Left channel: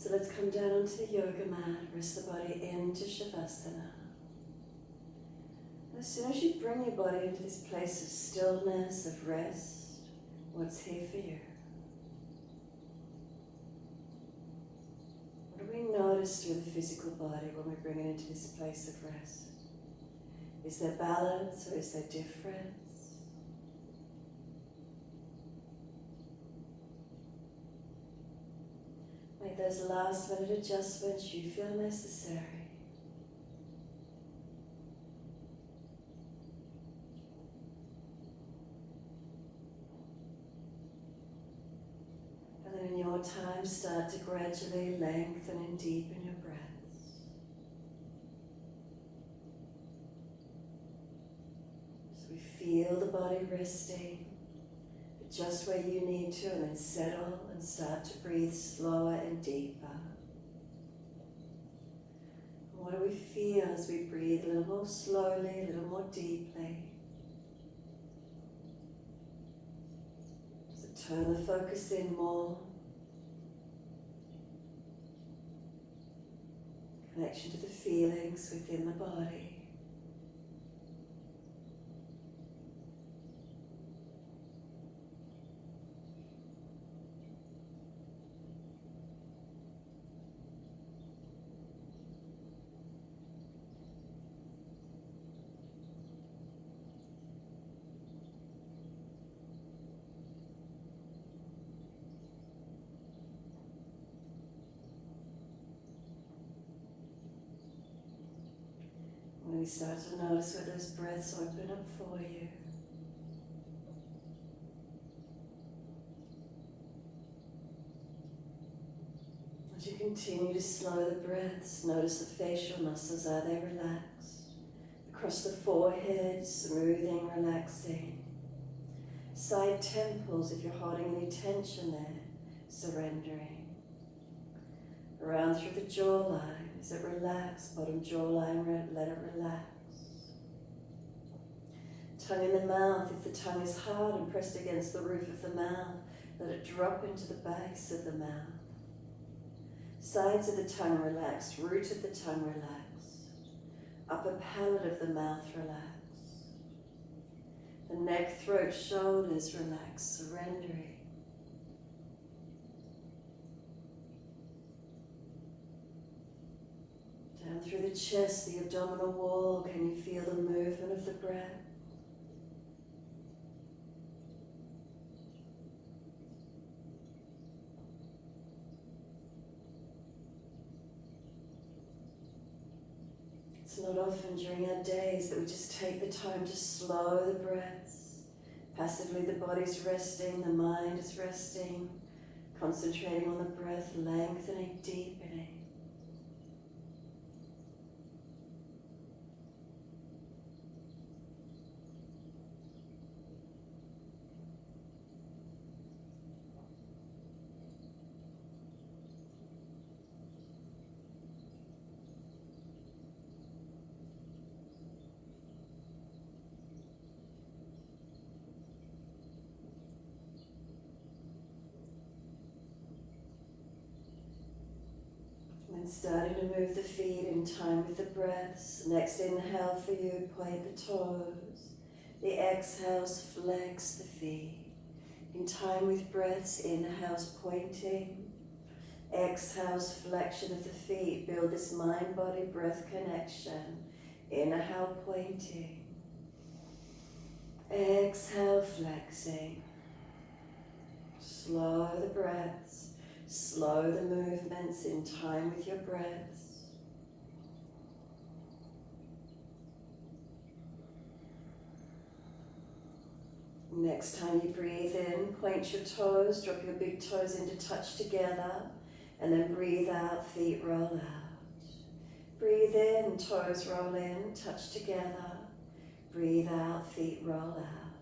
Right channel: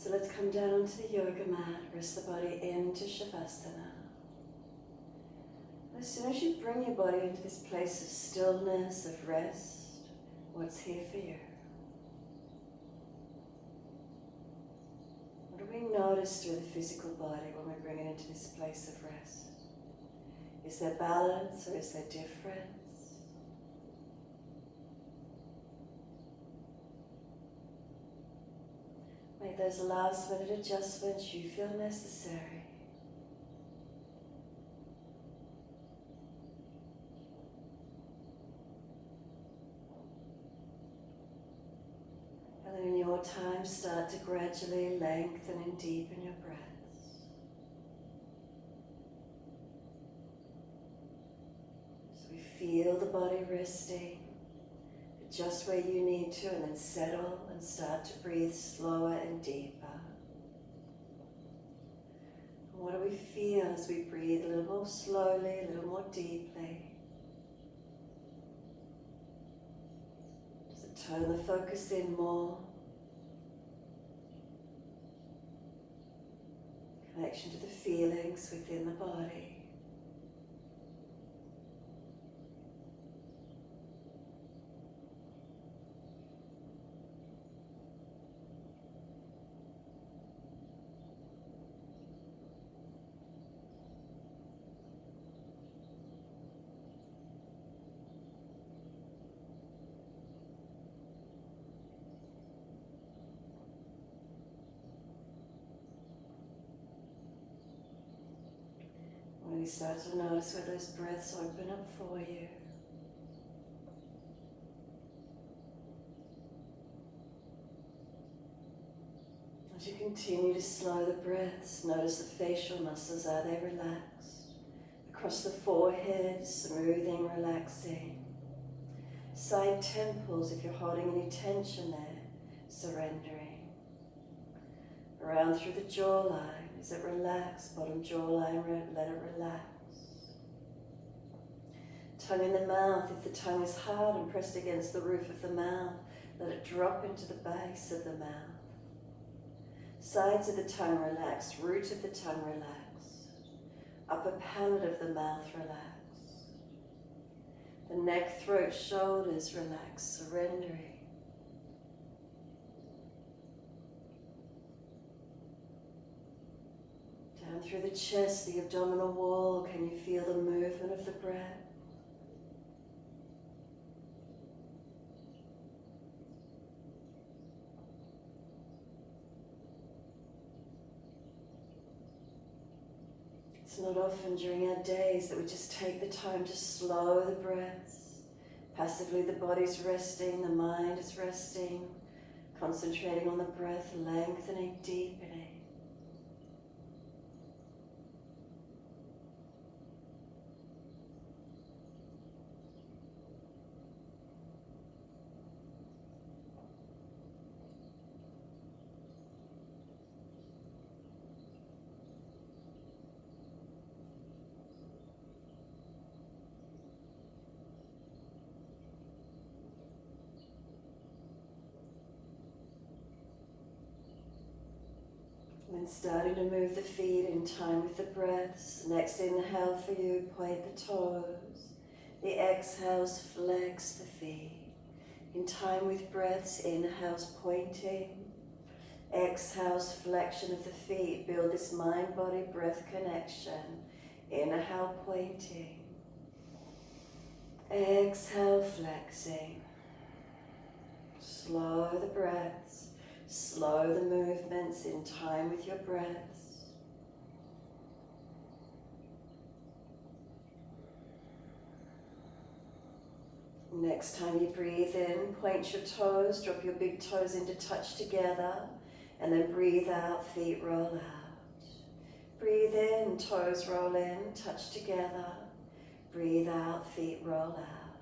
So let's come down onto the yoga mat, rest the body into Shavasana. As soon as you bring your body into this place of stillness, of rest, what's here for you? What do we notice through the physical body when we bring it into this place of rest? Is there balance or is there difference? Make those last minute adjustments you feel necessary. And then in your time, start to gradually lengthen and deepen your breaths. So we feel the body resting, just where you need to, and then settle and start to breathe slower and deeper. And what do we feel as we breathe a little more slowly, a little more deeply? Does it turn the focus in more? Connection to the feelings within the body. When you start to notice where those breaths open up for you. As you continue to slow the breaths, notice the facial muscles, are they relaxed? Across the forehead, smoothing, relaxing. Side temples, if you're holding any tension there, surrendering. Around through the jawline. Is it relaxed? Bottom jawline, let it relax. Tongue in the mouth. If the tongue is hard and pressed against the roof of the mouth, let it drop into the base of the mouth. Sides of the tongue relaxed. Root of the tongue relaxed. Upper palate of the mouth relaxed. The neck, throat, shoulders relaxed, surrendering. Down through the chest, the abdominal wall, can you feel the movement of the breath? It's not often during our days that we just take the time to slow the breaths. Passively the body's resting, the mind is resting, concentrating on the breath, lengthening, deepening. And starting to move the feet in time with the breaths. Next inhale for you, point the toes. The exhales, flex the feet. In time with breaths, inhales pointing. Exhales, flexion of the feet. Build this mind-body breath connection. Inhale, pointing. Exhale, flexing. Slow the breaths. Slow the movements in time with your breaths. Next time you breathe in, point your toes, drop your big toes into touch together, and then breathe out, feet roll out. Breathe in, toes roll in, touch together. Breathe out, feet roll out.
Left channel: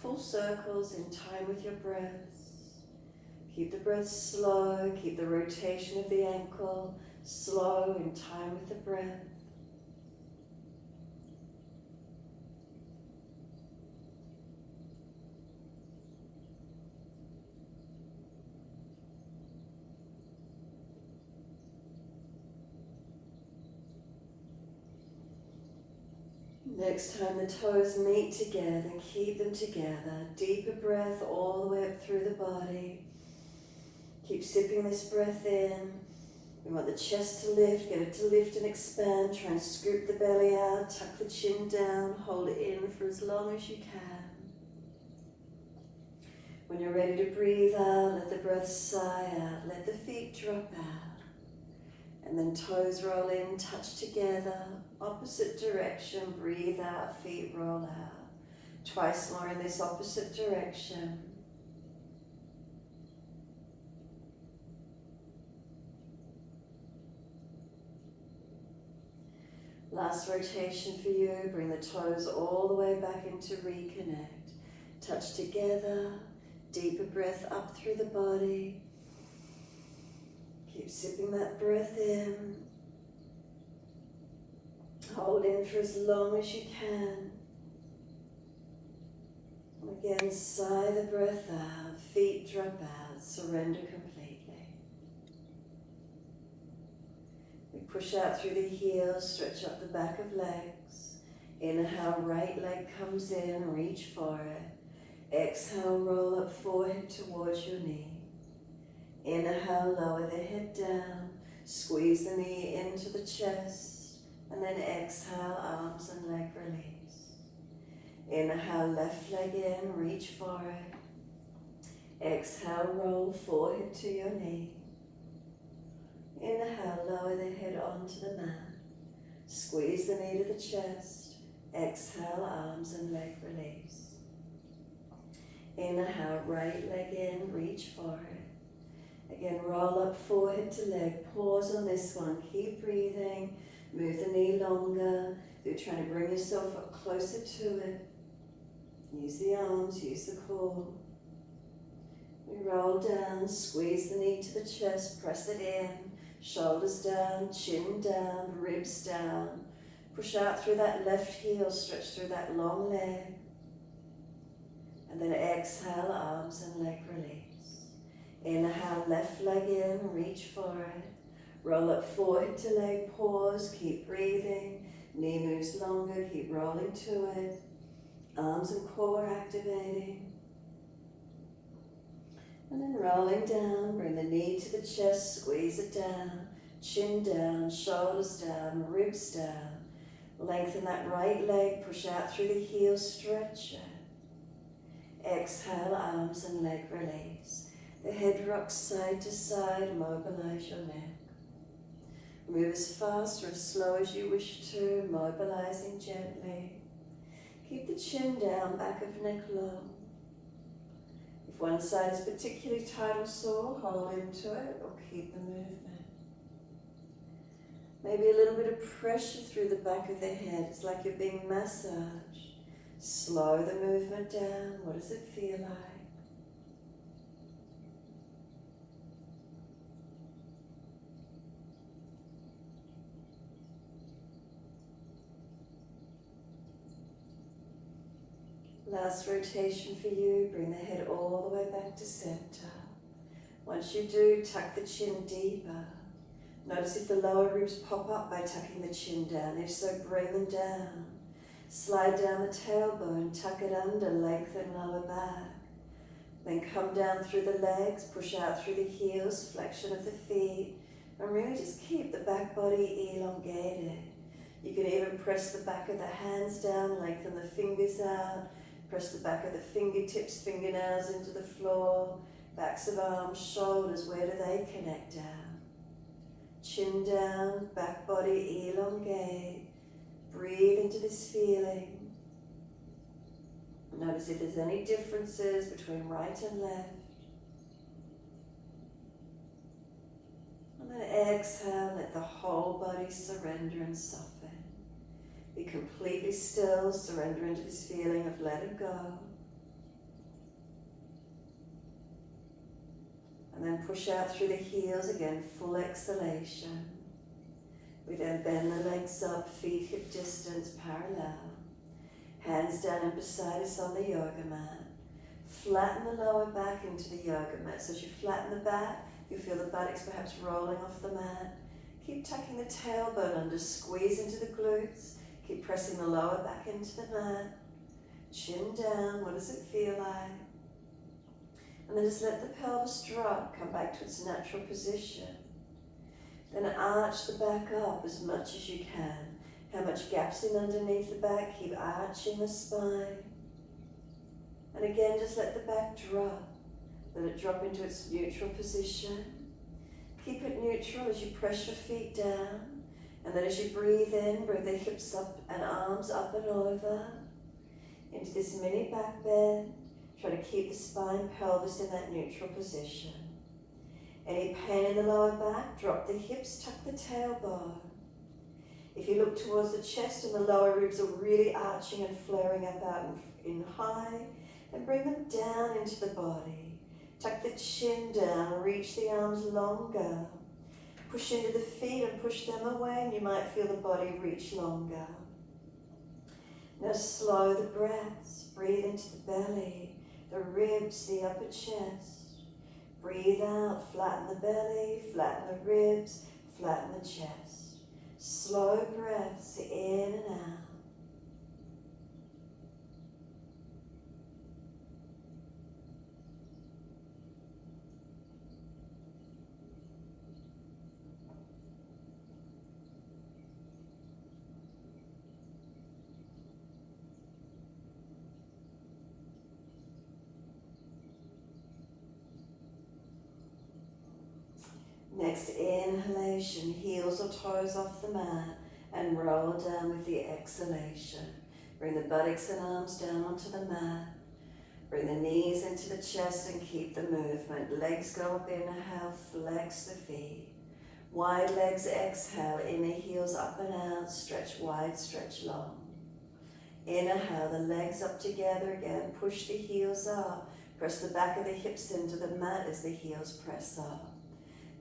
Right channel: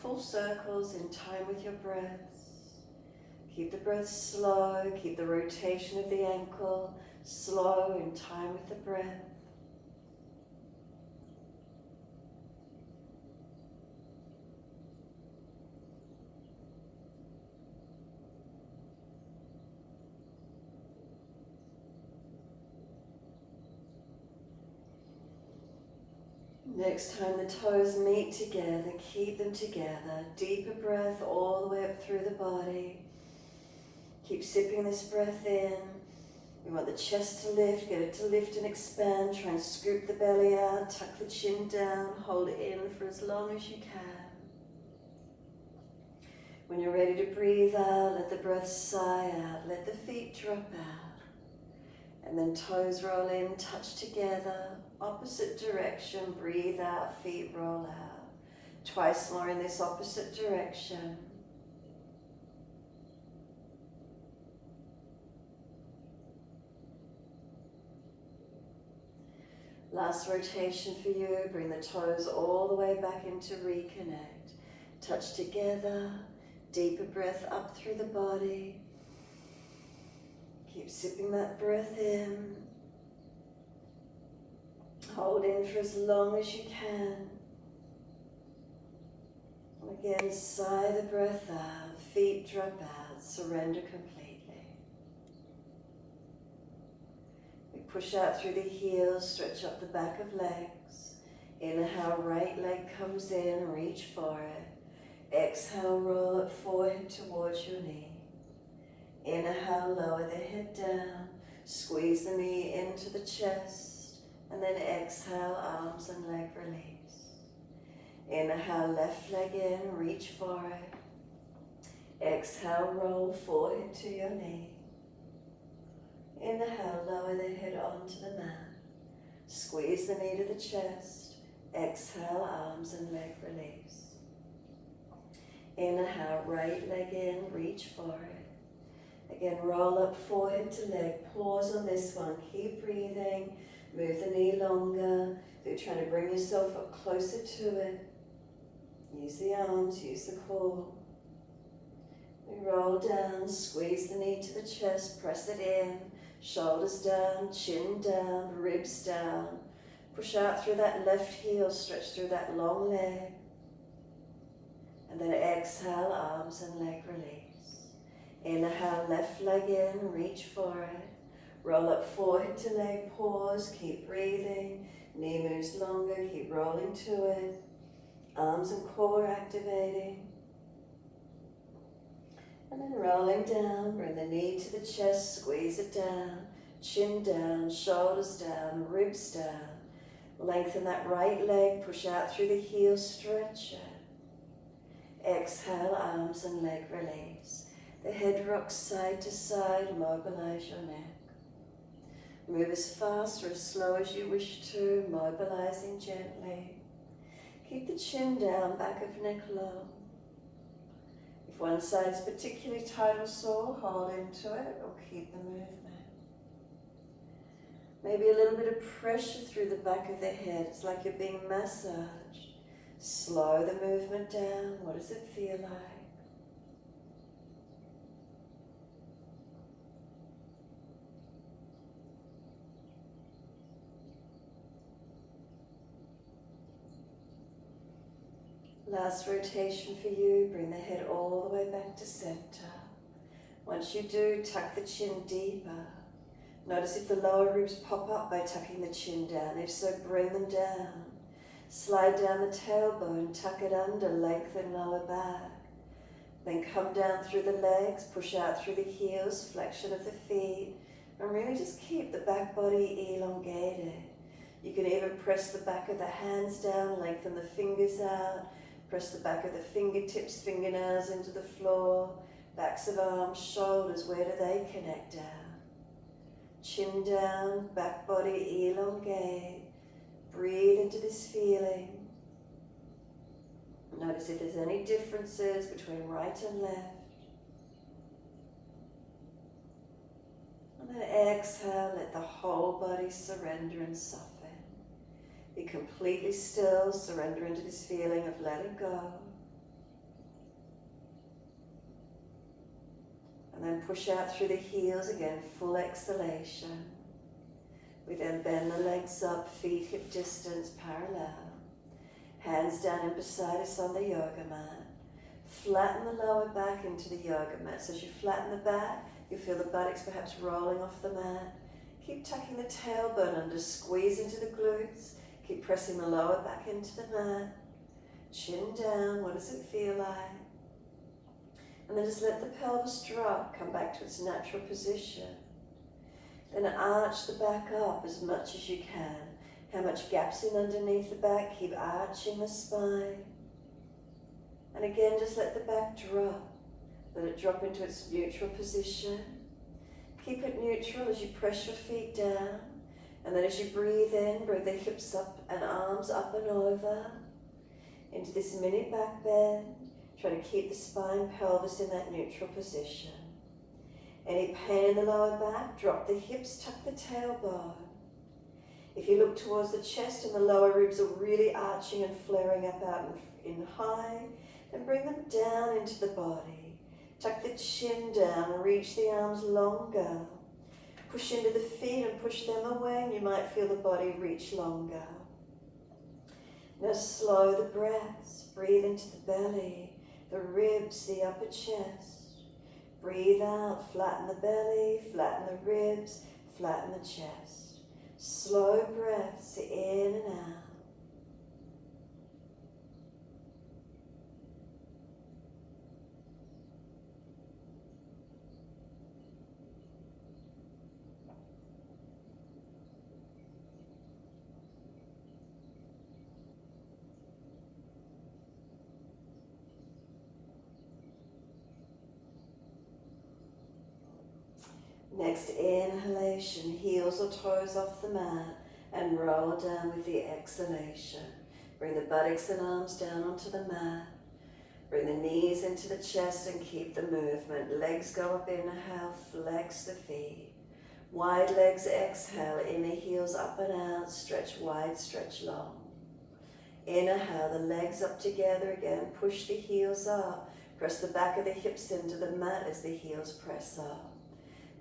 Full circles in time with your breaths. Keep the breath slow, keep the rotation of the ankle slow in time with the breath. Next time the toes meet together, keep them together. Deeper breath all the way up through the body. Keep sipping this breath in. We want the chest to lift, get it to lift and expand. Try and scoop the belly out, tuck the chin down, hold it in for as long as you can. When you're ready to breathe out, let the breath sigh out, let the feet drop out. And then toes roll in, touch together, opposite direction, breathe out, feet roll out. Twice more in this opposite direction. Last rotation for you, bring the toes all the way back into reconnect. Touch together, deeper breath up through the body. Keep sipping that breath in. Hold in for as long as you can. And again, sigh the breath out, feet drop out, surrender completely. We push out through the heels, stretch up the back of legs. Inhale, right leg comes in, reach for it. Exhale, roll up forehead towards your knee. Inhale, lower the head down, squeeze the knee into the chest, and then exhale, arms and leg release. Inhale, left leg in, reach for it. Exhale, roll forehead to your knee. Inhale, lower the head onto the mat. Squeeze the knee to the chest. Exhale, arms and leg release. Inhale, right leg in, reach for it. Again, roll up forehead to leg. Pause on this one. Keep breathing. Move the knee longer. If you're trying to bring yourself up closer to it, use the arms, use the core. We roll down, squeeze the knee to the chest, press it in. Shoulders down, chin down, ribs down. Push out through that left heel, stretch through that long leg. And then exhale, arms and leg release. Inhale, left leg in, reach for it. Roll up forehead to leg, pause, keep breathing. Knee moves longer, keep rolling to it. Arms and core activating. And then rolling down, bring the knee to the chest, squeeze it down. Chin down, shoulders down, ribs down. Lengthen that right leg, push out through the heel, stretch it. Exhale, arms and leg release. The head rocks side to side, mobilize your neck. Move as fast or as slow as you wish to, mobilizing gently. Keep the chin down, back of neck low. If one side is particularly tight or sore, hold into it or keep the movement. Maybe a little bit of pressure through the back of the head. It's like you're being massaged. Slow the movement down. What does it feel like? Last rotation for you. Bring the head all the way back to center. Once you do, tuck the chin deeper. Notice if the lower ribs pop up by tucking the chin down. If so, bring them down. Slide down the tailbone, tuck it under, lengthen lower back. Then come down through the legs, push out through the heels, flexion of the feet, and really just keep the back body elongated. You can even press the back of the hands down, lengthen the fingers out, press the back of the fingertips, fingernails into the floor, backs of arms, shoulders, where do they connect down? Chin down, back body elongate. Breathe into this feeling. Notice if there's any differences between right and left. And then exhale, let the whole body surrender and soften. Be completely still, surrender into this feeling of letting go. And then push out through the heels again, full exhalation. We then bend the legs up, feet hip distance parallel. Hands down and beside us on the yoga mat. Flatten the lower back into the yoga mat. So as you flatten the back, you feel the buttocks perhaps rolling off the mat. Keep tucking the tailbone under, squeeze into the glutes. Keep pressing the lower back into the mat. Chin down, what does it feel like? And then just let the pelvis drop, come back to its natural position. Then arch the back up as much as you can. How much gap's in underneath the back, keep arching the spine. And again, just let the back drop. Let it drop into its neutral position. Keep it neutral as you press your feet down. And then as you breathe in, bring the hips up and arms up and over into this mini back bend. Try to keep the spine, pelvis in that neutral position. Any pain in the lower back, drop the hips, tuck the tailbone. If you look towards the chest and the lower ribs are really arching and flaring up out in high, then bring them down into the body. Tuck the chin down, reach the arms longer. Push into the feet and push them away, and you might feel the body reach longer. Now slow the breaths. Breathe into the belly, the ribs, the upper chest. Breathe out, flatten the belly, flatten the ribs, flatten the chest. Slow breaths in and out. Next inhalation, heels or toes off the mat and roll down with the exhalation. Bring the buttocks and arms down onto the mat. Bring the knees into the chest and keep the movement. Legs go up, inhale, flex the feet. Wide legs, exhale, inner heels up and out, stretch wide, stretch long. Inhale, the legs up together again, push the heels up. Press the back of the hips into the mat as the heels press up.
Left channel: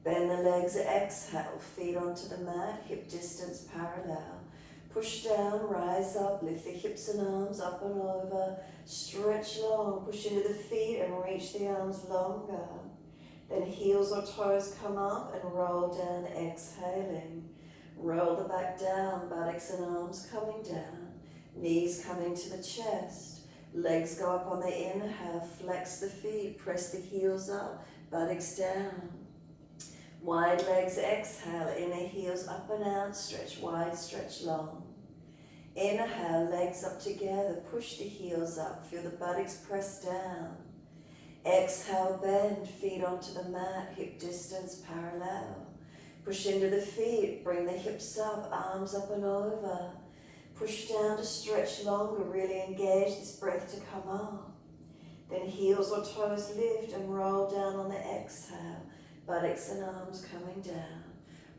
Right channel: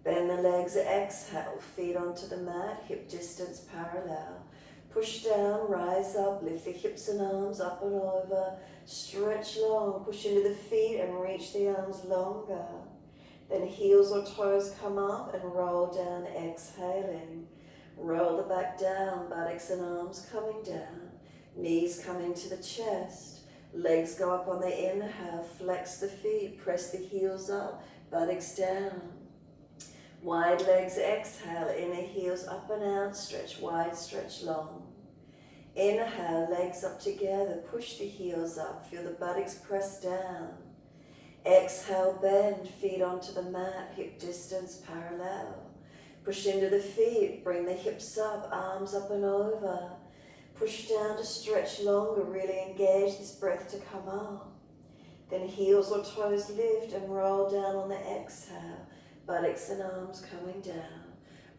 Bend the legs, exhale, feet onto the mat, hip distance parallel. Push down, rise up, lift the hips and arms up and over. Stretch long, push into the feet and reach the arms longer. Then heels or toes come up and roll down, exhaling. Roll the back down, buttocks and arms coming down. Knees coming to the chest. Legs go up on the inhale, flex the feet, press the heels up, buttocks down. Wide legs, exhale, inner heels up and out, stretch wide, stretch long. Inhale, legs up together, push the heels up, feel the buttocks press down. Exhale, bend, feet onto the mat, hip distance parallel. Push into the feet, bring the hips up, arms up and over. Push down to stretch longer, really engage this breath to come up. Then heels or toes lift and roll down on the exhale. Buttocks and arms coming down.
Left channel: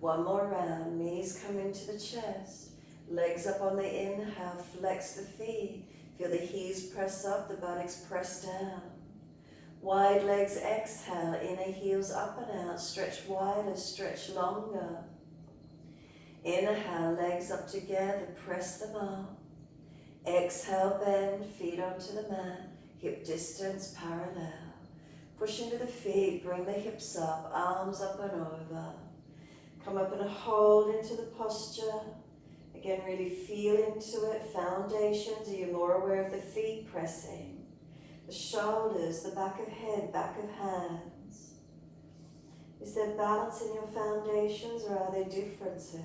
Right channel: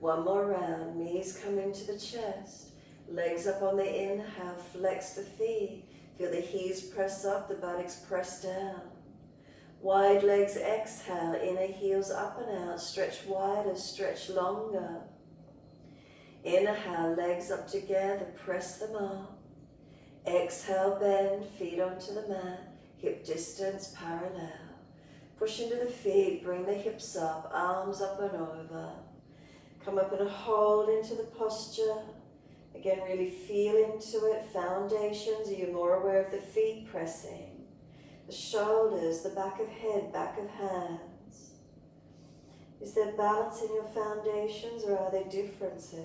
One more round, knees come into the chest. Legs up on the inhale, flex the feet. Feel the heels press up, the buttocks press down. Wide legs, exhale, inner heels up and out. Stretch wider, stretch longer. Inhale, legs up together, press them up. Exhale, bend, feet onto the mat, hip distance parallel. Push into the feet, bring the hips up, arms up and over. Come up and hold into the posture. Again, really feel into it. Foundations, are you more aware of the feet pressing? The shoulders, the back of head, back of hands. Is there balance in your foundations or are there differences?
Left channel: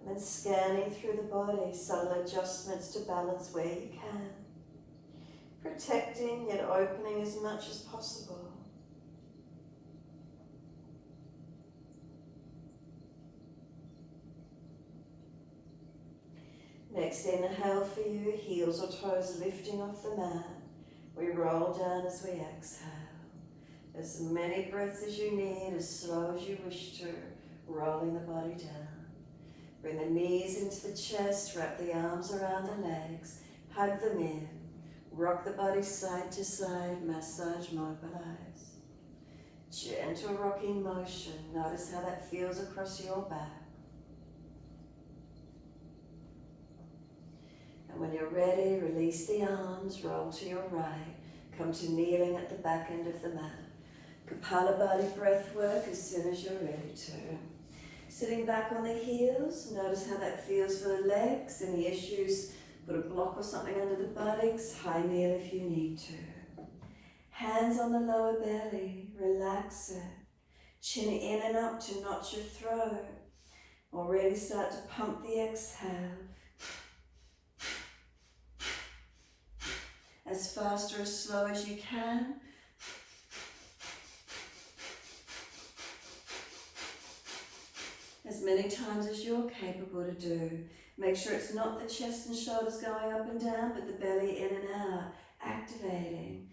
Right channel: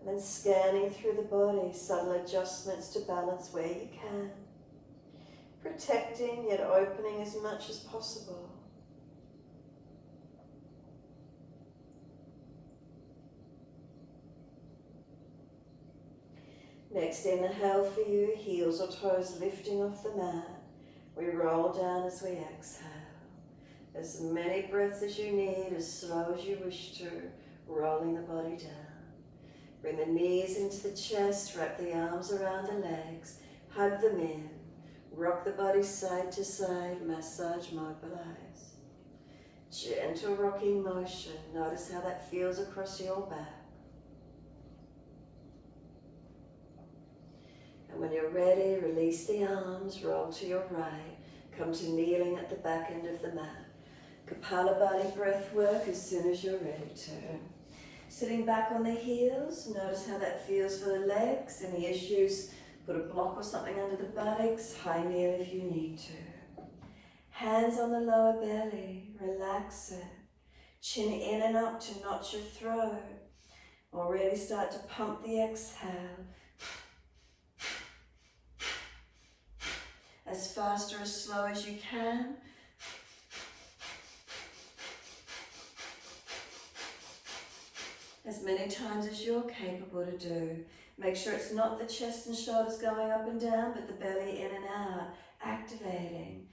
And then scanning through the body, subtle adjustments to balance where you can. Protecting yet opening as much as possible. Next inhale for you, heels or toes lifting off the mat. We roll down as we exhale. As many breaths as you need, as slow as you wish to, rolling the body down. Bring the knees into the chest, wrap the arms around the legs, hug them in. Rock the body side to side, massage, mobilize. Gentle rocking motion. Notice how that feels across your back. And when you're ready, release the arms, roll to your right. Come to kneeling at the back end of the mat. Kapalabhati breath work as soon as you're ready to. Sitting back on the heels, notice how that feels for the legs. Any issues, put a block or something under the buttocks, high kneel if you need to. Hands on the lower belly, relax it. Chin in and up to notch your throat. Already start to pump the exhale. As fast or as slow as you can. As many times as you're capable to do. Make sure it's not the chest and shoulders going up and down, but the belly in and out, activating.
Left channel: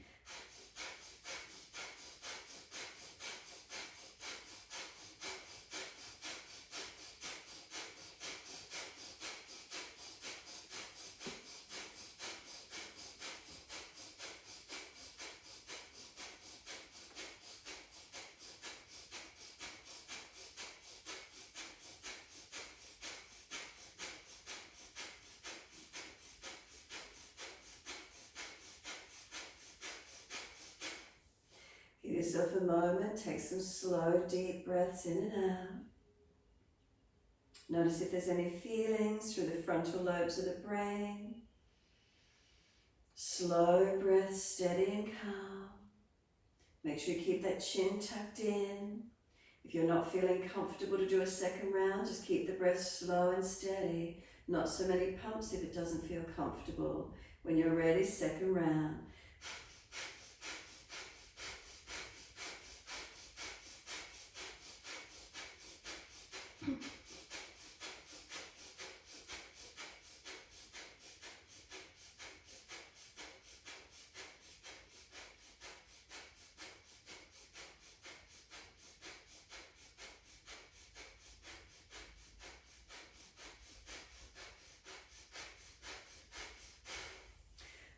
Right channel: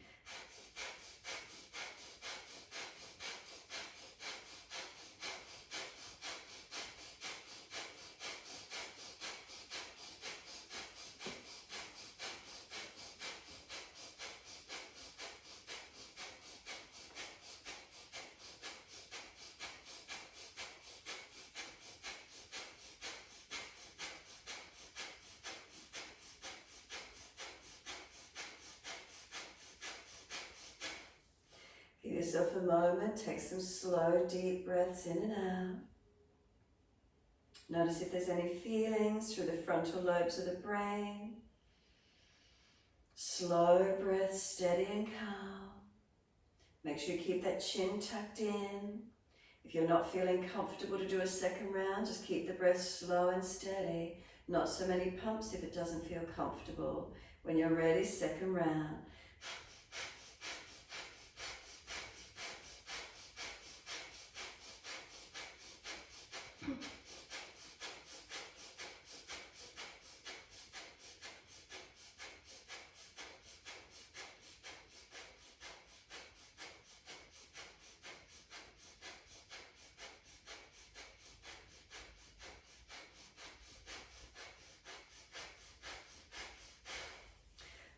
Give yourself a moment, take some slow, deep breaths in and out. Notice if there's any feelings through the frontal lobes of the brain. Slow breath, steady and calm. Make sure you keep that chin tucked in. If you're not feeling comfortable to do a second round, just keep the breath slow and steady. Not so many pumps if it doesn't feel comfortable. When you're ready, second round.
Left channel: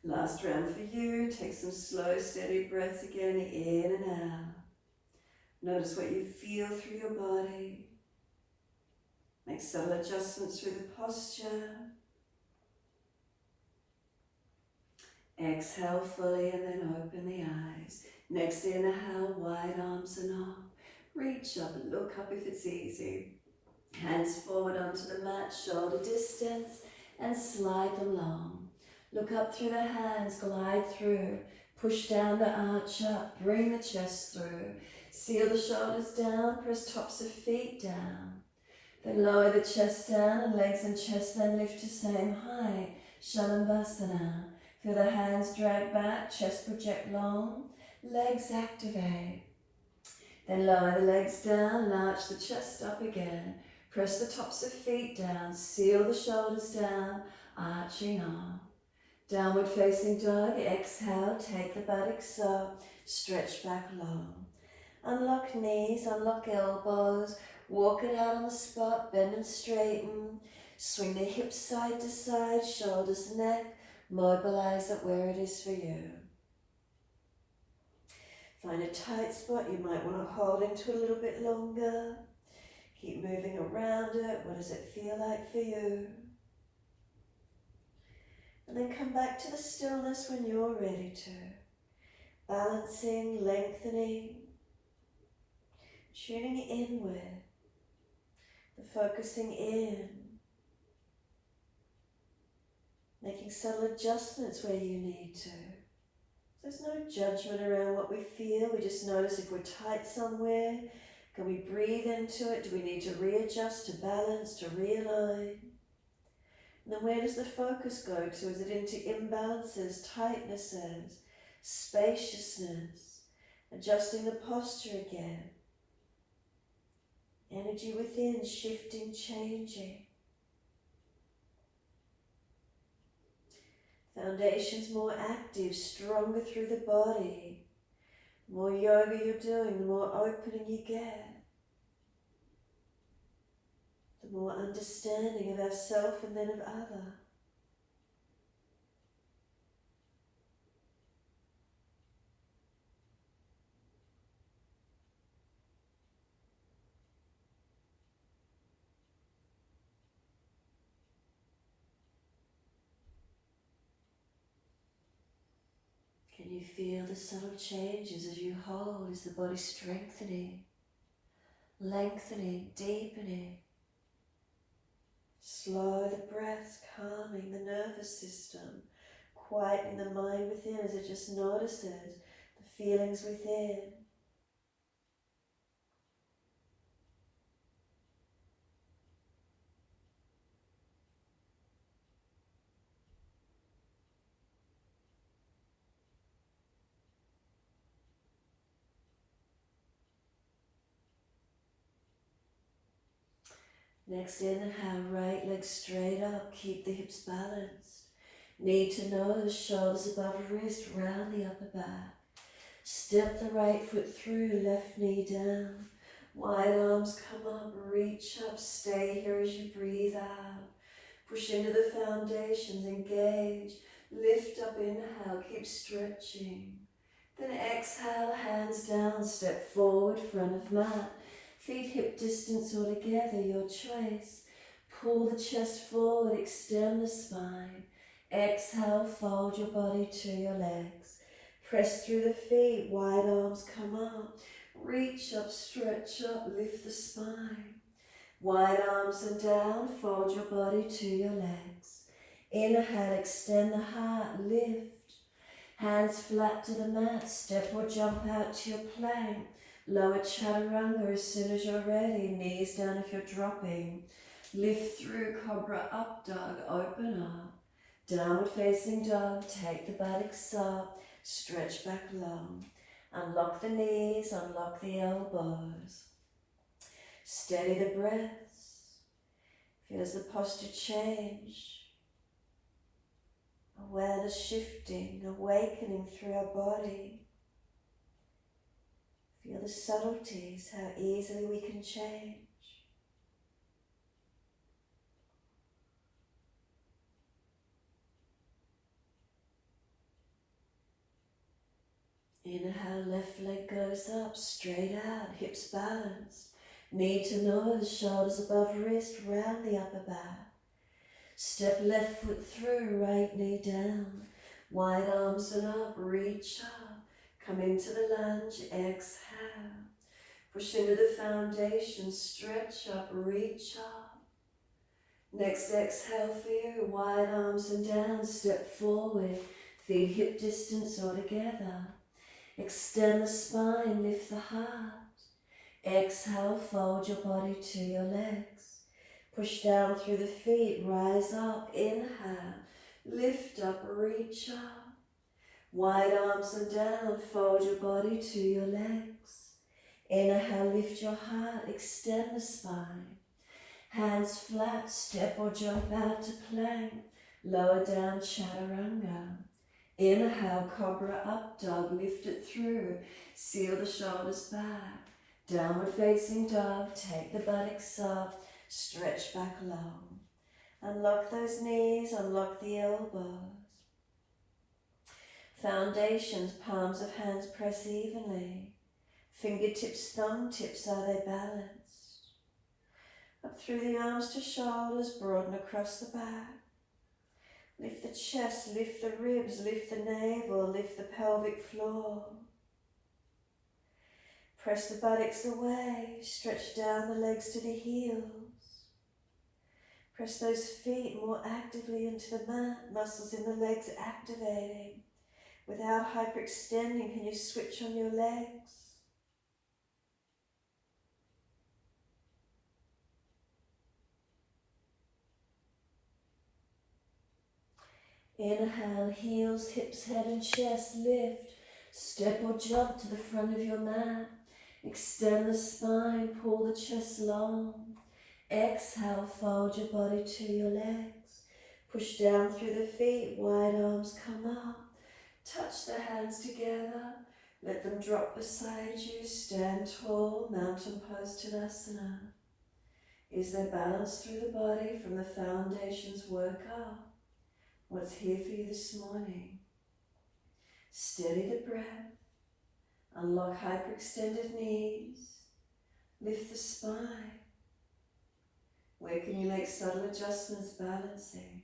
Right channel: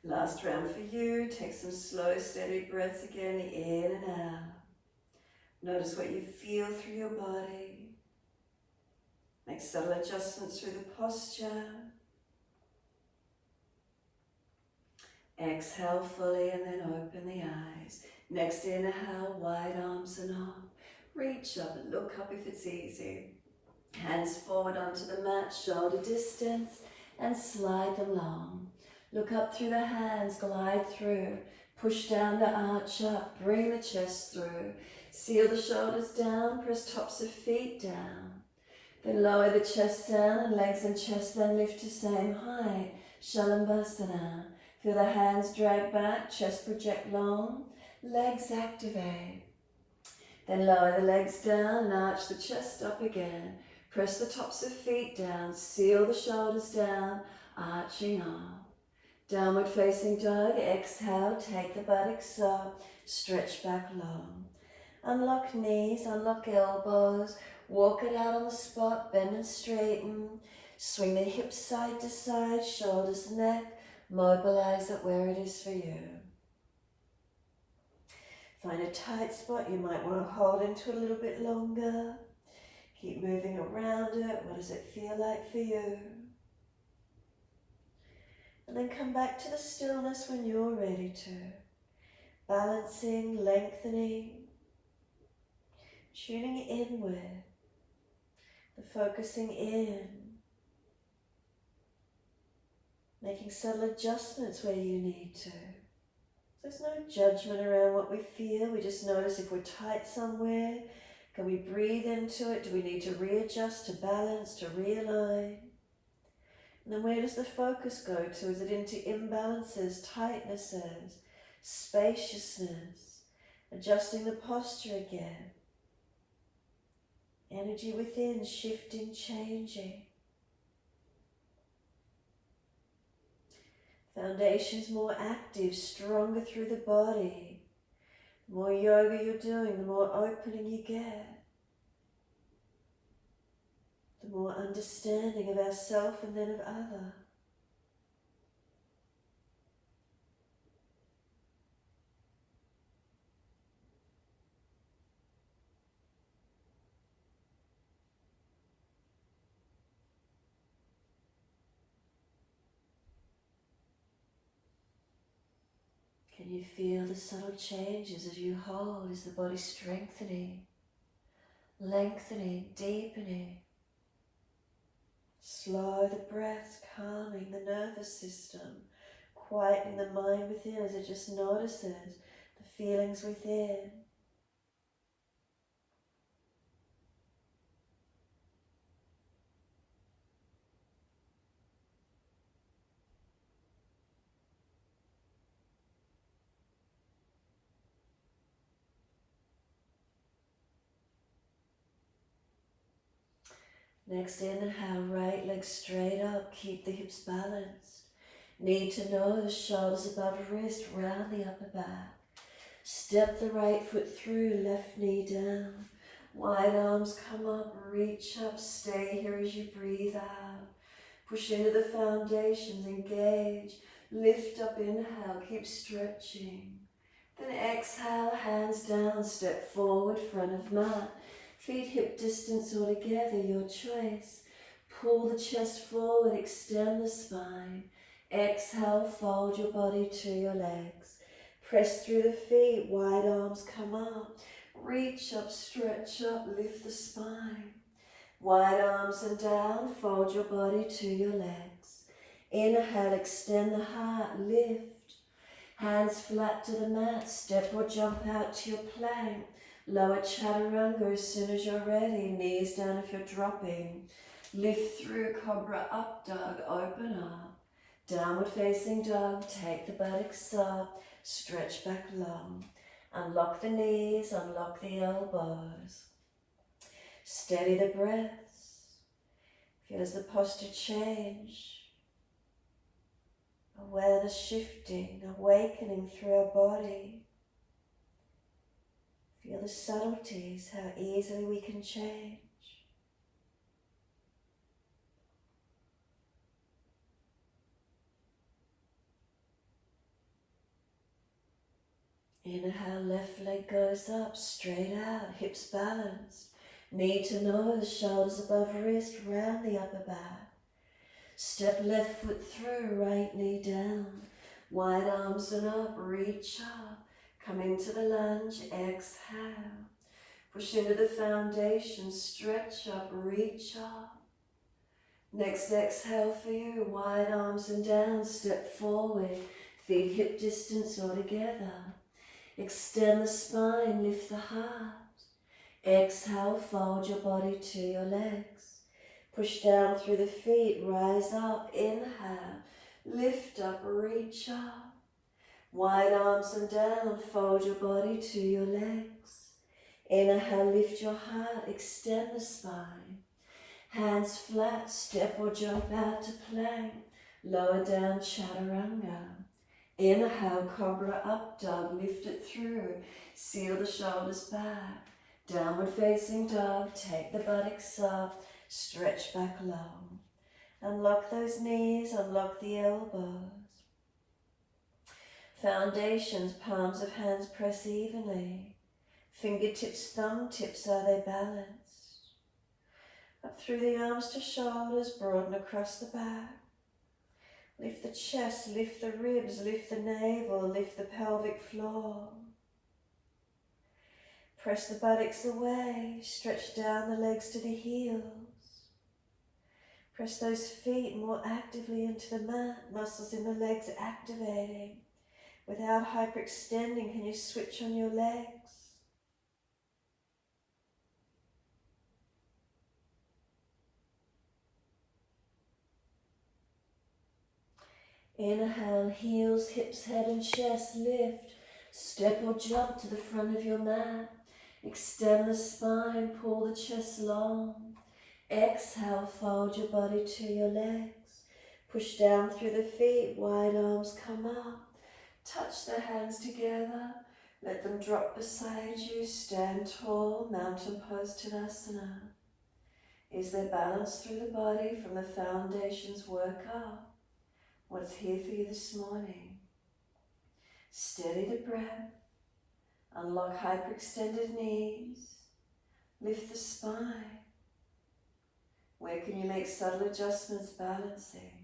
Last round for you. Take some slow, steady breaths again, in and out. Notice what you feel through your body. Make subtle adjustments through the posture. Exhale fully and then open the eyes. Next inhale, wide arms and up. Reach up, look up if it's easy. Hands forward onto the mat, shoulder distance, and slide them long. Look up through the hands, glide through. Push down to arch up, bring the chest through. Seal the shoulders down, press tops of feet down. Then lower the chest down and legs and chest then lift to same height. Shavasana. Feel the hands drag back, chest project long, legs activate. Then lower the legs down and arch the chest up again. Press the tops of feet down, seal the shoulders down, arching up. Downward facing dog, exhale, take the buttocks up, stretch back long. Unlock knees, unlock elbows, walk it out on the spot, bend and straighten. Swing the hips side to side, shoulders, neck, mobilize it where it is for you. Find a tight spot you might want to hold into a little bit longer. Keep moving around it. What does it feel like for you? And then come back to the stillness when you're ready to. Balancing, lengthening, tuning inward, the focusing in, making subtle adjustments where you need to. There's no judgment around what we feel. We just notice if we're tight somewhere. Can we breathe into it? Do we need to readjust, to balance, to realign? And then where does the focus go to? Is it into imbalances, tightnesses, spaciousness, adjusting the posture again? Energy within, shifting, changing. Foundations more active, stronger through the body. The more yoga you're doing, the more opening you get. The more understanding of ourself and then of other. Can you feel the subtle changes as you hold? Is the body strengthening? lengthening, deepening. Slow the breath, calming the nervous system, quietening the mind within as it just notices the feelings within. Next inhale, right leg straight up, keep the hips balanced. Knee to nose, shoulders above wrist, round the upper back. Step the right foot through, left knee down. Wide arms come up, reach up, stay here as you breathe out. Push into the foundations, engage. Lift up, inhale, keep stretching. Then exhale, hands down, step forward, front of mat. Feet hip distance or together, your choice. Pull the chest forward, extend the spine. Exhale, fold your body to your legs. Press through the feet, wide arms come up. Reach up, stretch up, lift the spine. Wide arms and down, fold your body to your legs. Inhale, extend the heart, lift. Hands flat to the mat, step or jump out to your plank. Lower chaturanga as soon as you're ready, knees down if you're dropping. Lift through cobra up dog, open up. Downward facing dog, take the buttocks up, stretch back long. Unlock the knees, unlock the elbows. Steady the breaths. Feel as the posture change. Awareness shifting, awakening through our body. Feel the subtleties, how easily we can change. Inhale, left leg goes up, straight out, hips balanced. Knee to nose, shoulders above wrist, round the upper back. Step left foot through, right knee down. Wide arms and up, reach up. Come into the lunge, exhale. Push into the foundation, stretch up, reach up. Next exhale for you, wide arms and down, step forward. Feet hip distance or together. Extend the spine, lift the heart. Exhale, fold your body to your legs. Push down through the feet, rise up, inhale. Lift up, reach up. Wide arms and down, fold your body to your legs. Inhale, lift your heart, extend the spine. Hands flat, step or jump out to plank. Lower down, chaturanga. Inhale, cobra up dog, lift it through. Seal the shoulders back. Downward facing dog, take the buttocks up. Stretch back long. Unlock those knees, unlock the elbows. Foundations, palms of hands press evenly. Fingertips, thumb tips, are they balanced? Up through the arms to shoulders, broaden across the back. Lift the chest, lift the ribs, lift the navel, lift the pelvic floor. Press the buttocks away, stretch down the legs to the heels. Press those feet more actively into the mat, muscles in the legs activating. Without hyperextending, can you switch on your legs? Inhale, heels, hips, head and chest lift. Step or jump to the front of your mat. Extend the spine, pull the chest long. Exhale, fold your body to your legs. Push down through the feet, wide arms come up. Touch the hands together. Let them drop beside you. Stand tall, mountain pose Tadasana. Is there balance through the body from the foundations work up? What's here for you this morning? Steady the breath. Unlock hyperextended knees. Lift the spine. Where can you make subtle adjustments, balancing?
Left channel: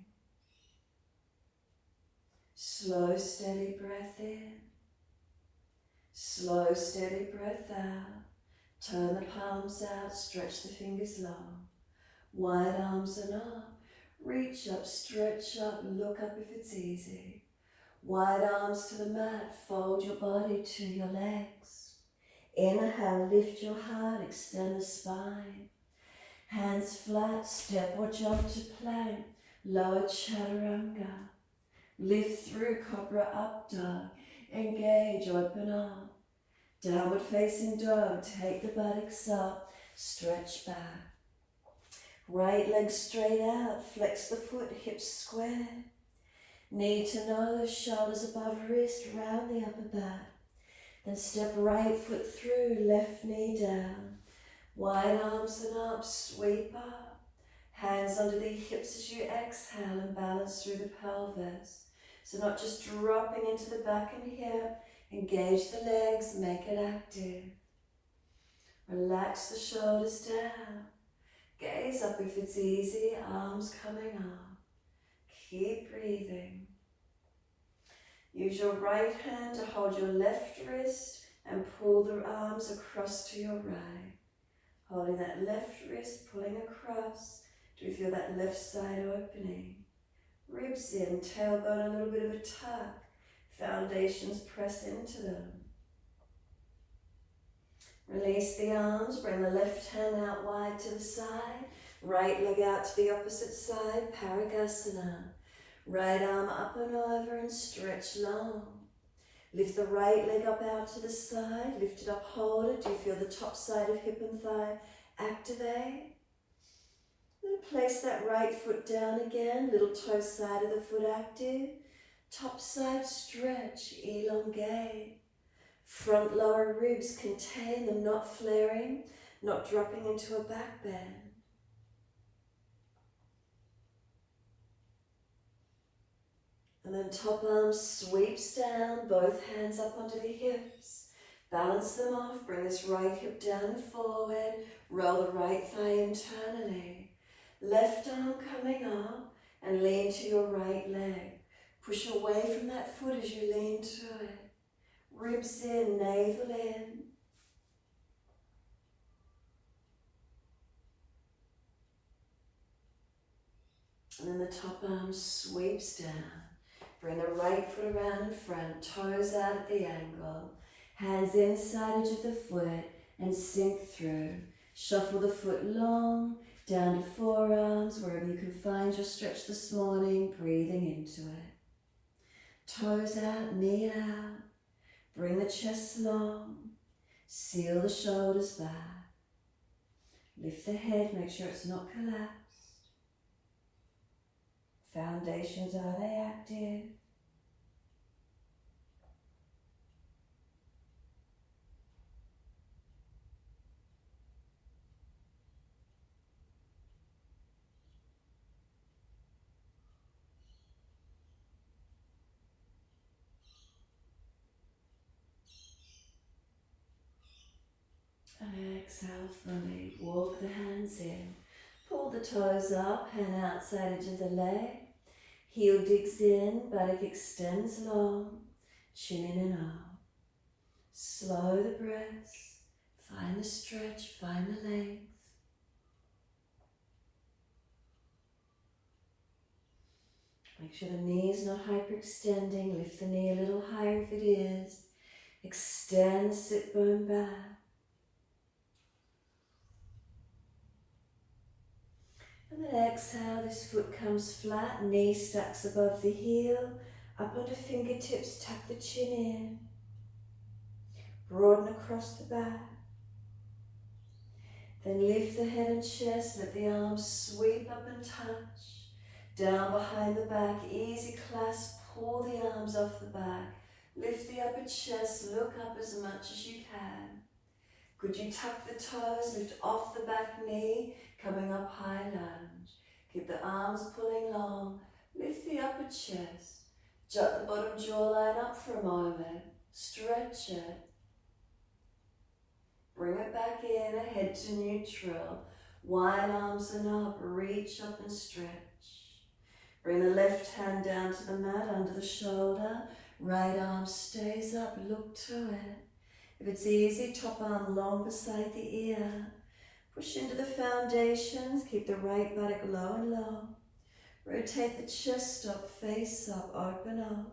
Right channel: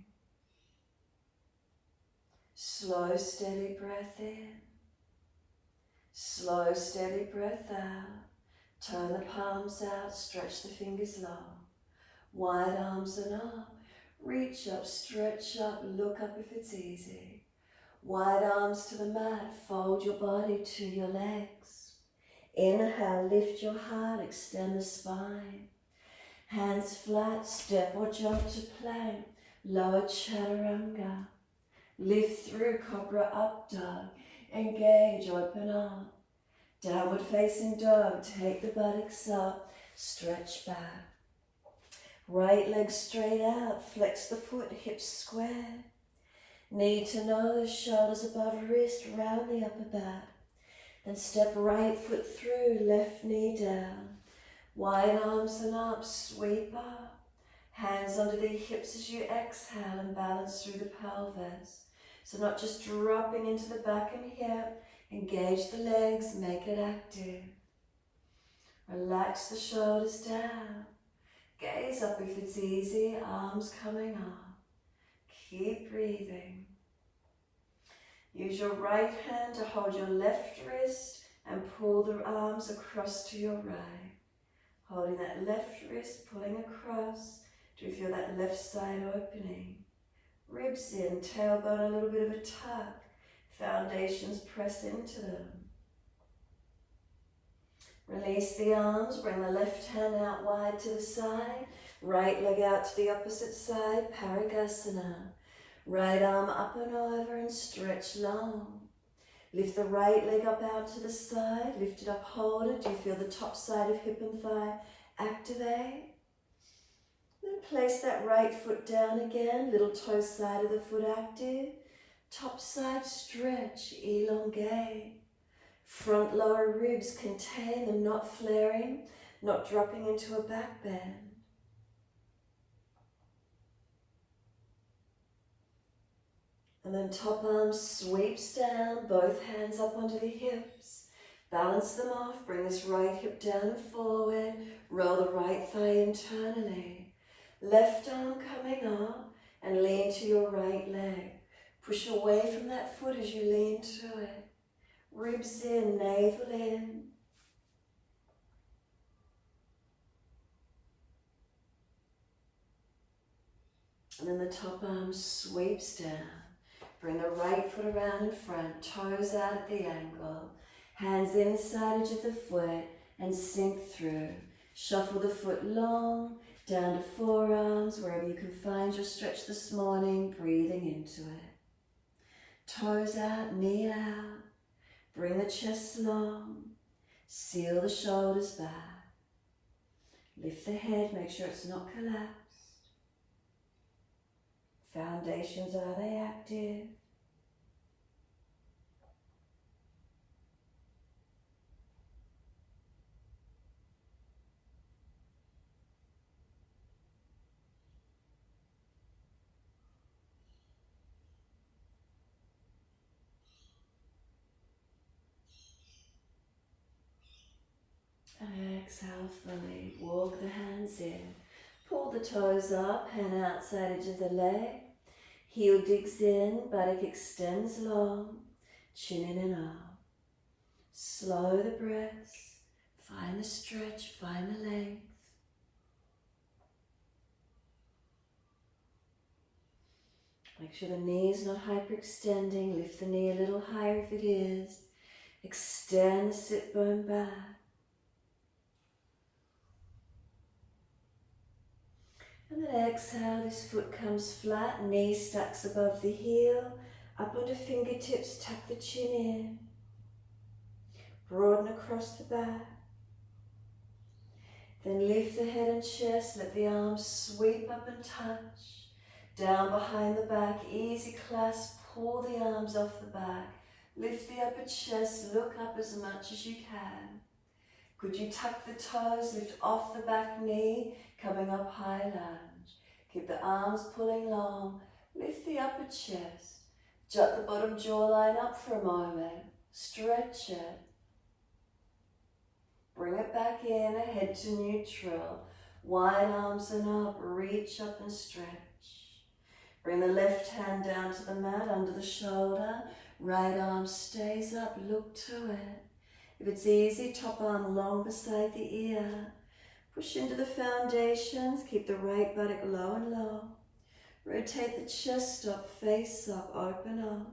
Slow, steady breath in. Slow, steady breath out. Turn the palms out, stretch the fingers long. Wide arms and up. Reach up, stretch up, look up if it's easy. Wide arms to the mat, fold your body to your legs. Inhale, lift your heart, extend the spine. Hands flat, step or jump to plank. Lower chaturanga. Lift through cobra up dog. Engage, open up. Downward facing dog, take the buttocks up, stretch back. Right leg straight out, flex the foot, hips square. Knee to nose, shoulders above wrist, round the upper back. Then step right foot through, left knee down. Wide arms and up, sweep up. Hands under the hips as you exhale and balance through the pelvis. So not just dropping into the back and hip, engage the legs, make it active. Relax the shoulders down. Gaze up if it's easy, arms coming up. Keep breathing. Use your right hand to hold your left wrist and pull the arms across to your right. Holding that left wrist, pulling across. Do you feel that left side opening? Ribs in, tailbone a little bit of a tuck. Foundations press into them. Release the arms, bring the left hand out wide to the side. Right leg out to the opposite side, Parigasana. Right arm up and over and stretch long. Lift the right leg up out to the side, lift it up, hold it. Do you feel the top side of hip and thigh activate? Then place that right foot down again, little toe side of the foot active. Top side stretch, elongate. Front lower ribs contain them, not flaring, not dropping into a back bend. And then top arm sweeps down, both hands up onto the hips. Balance them off, bring this right hip down and forward. Roll the right thigh internally. Left arm coming up and lean to your right leg. Push away from that foot as you lean to it. Ribs in, navel in. And then the top arm sweeps down. Bring the right foot around in front, toes out at the angle. Hands inside edge of the foot and sink through. Shuffle the foot long, down to forearms, wherever you can find your stretch this morning, breathing into it. Toes out, knee out. Bring the chest long. Seal the shoulders back. Lift the head, make sure it's not collapsed. Foundations, are they active? And exhale fully, walk the hands in. Pull the toes up, hand outside edge of the leg. Heel digs in, buttock extends long, chin in and out. Slow the breaths, find the stretch, find the length. Make sure the knee is not hyperextending, lift the knee a little higher if it is. Extend the sit bone back. And then exhale, this foot comes flat, knee stacks above the heel, up onto fingertips, tuck the chin in. Broaden across the back. Then lift the head and chest, let the arms sweep up and touch. Down behind the back, easy clasp, pull the arms off the back. Lift the upper chest, look up as much as you can. Could you tuck the toes, lift off the back knee, coming up high lunge. Keep the arms pulling long, lift the upper chest. Jut the bottom jawline up for a moment, stretch it. Bring it back in, head to neutral. Wide arms and up, reach up and stretch. Bring the left hand down to the mat, under the shoulder. Right arm stays up, look to it. If it's easy, top arm long beside the ear. Push into the foundations, keep the right buttock low and low. Rotate the chest up, face up, open up.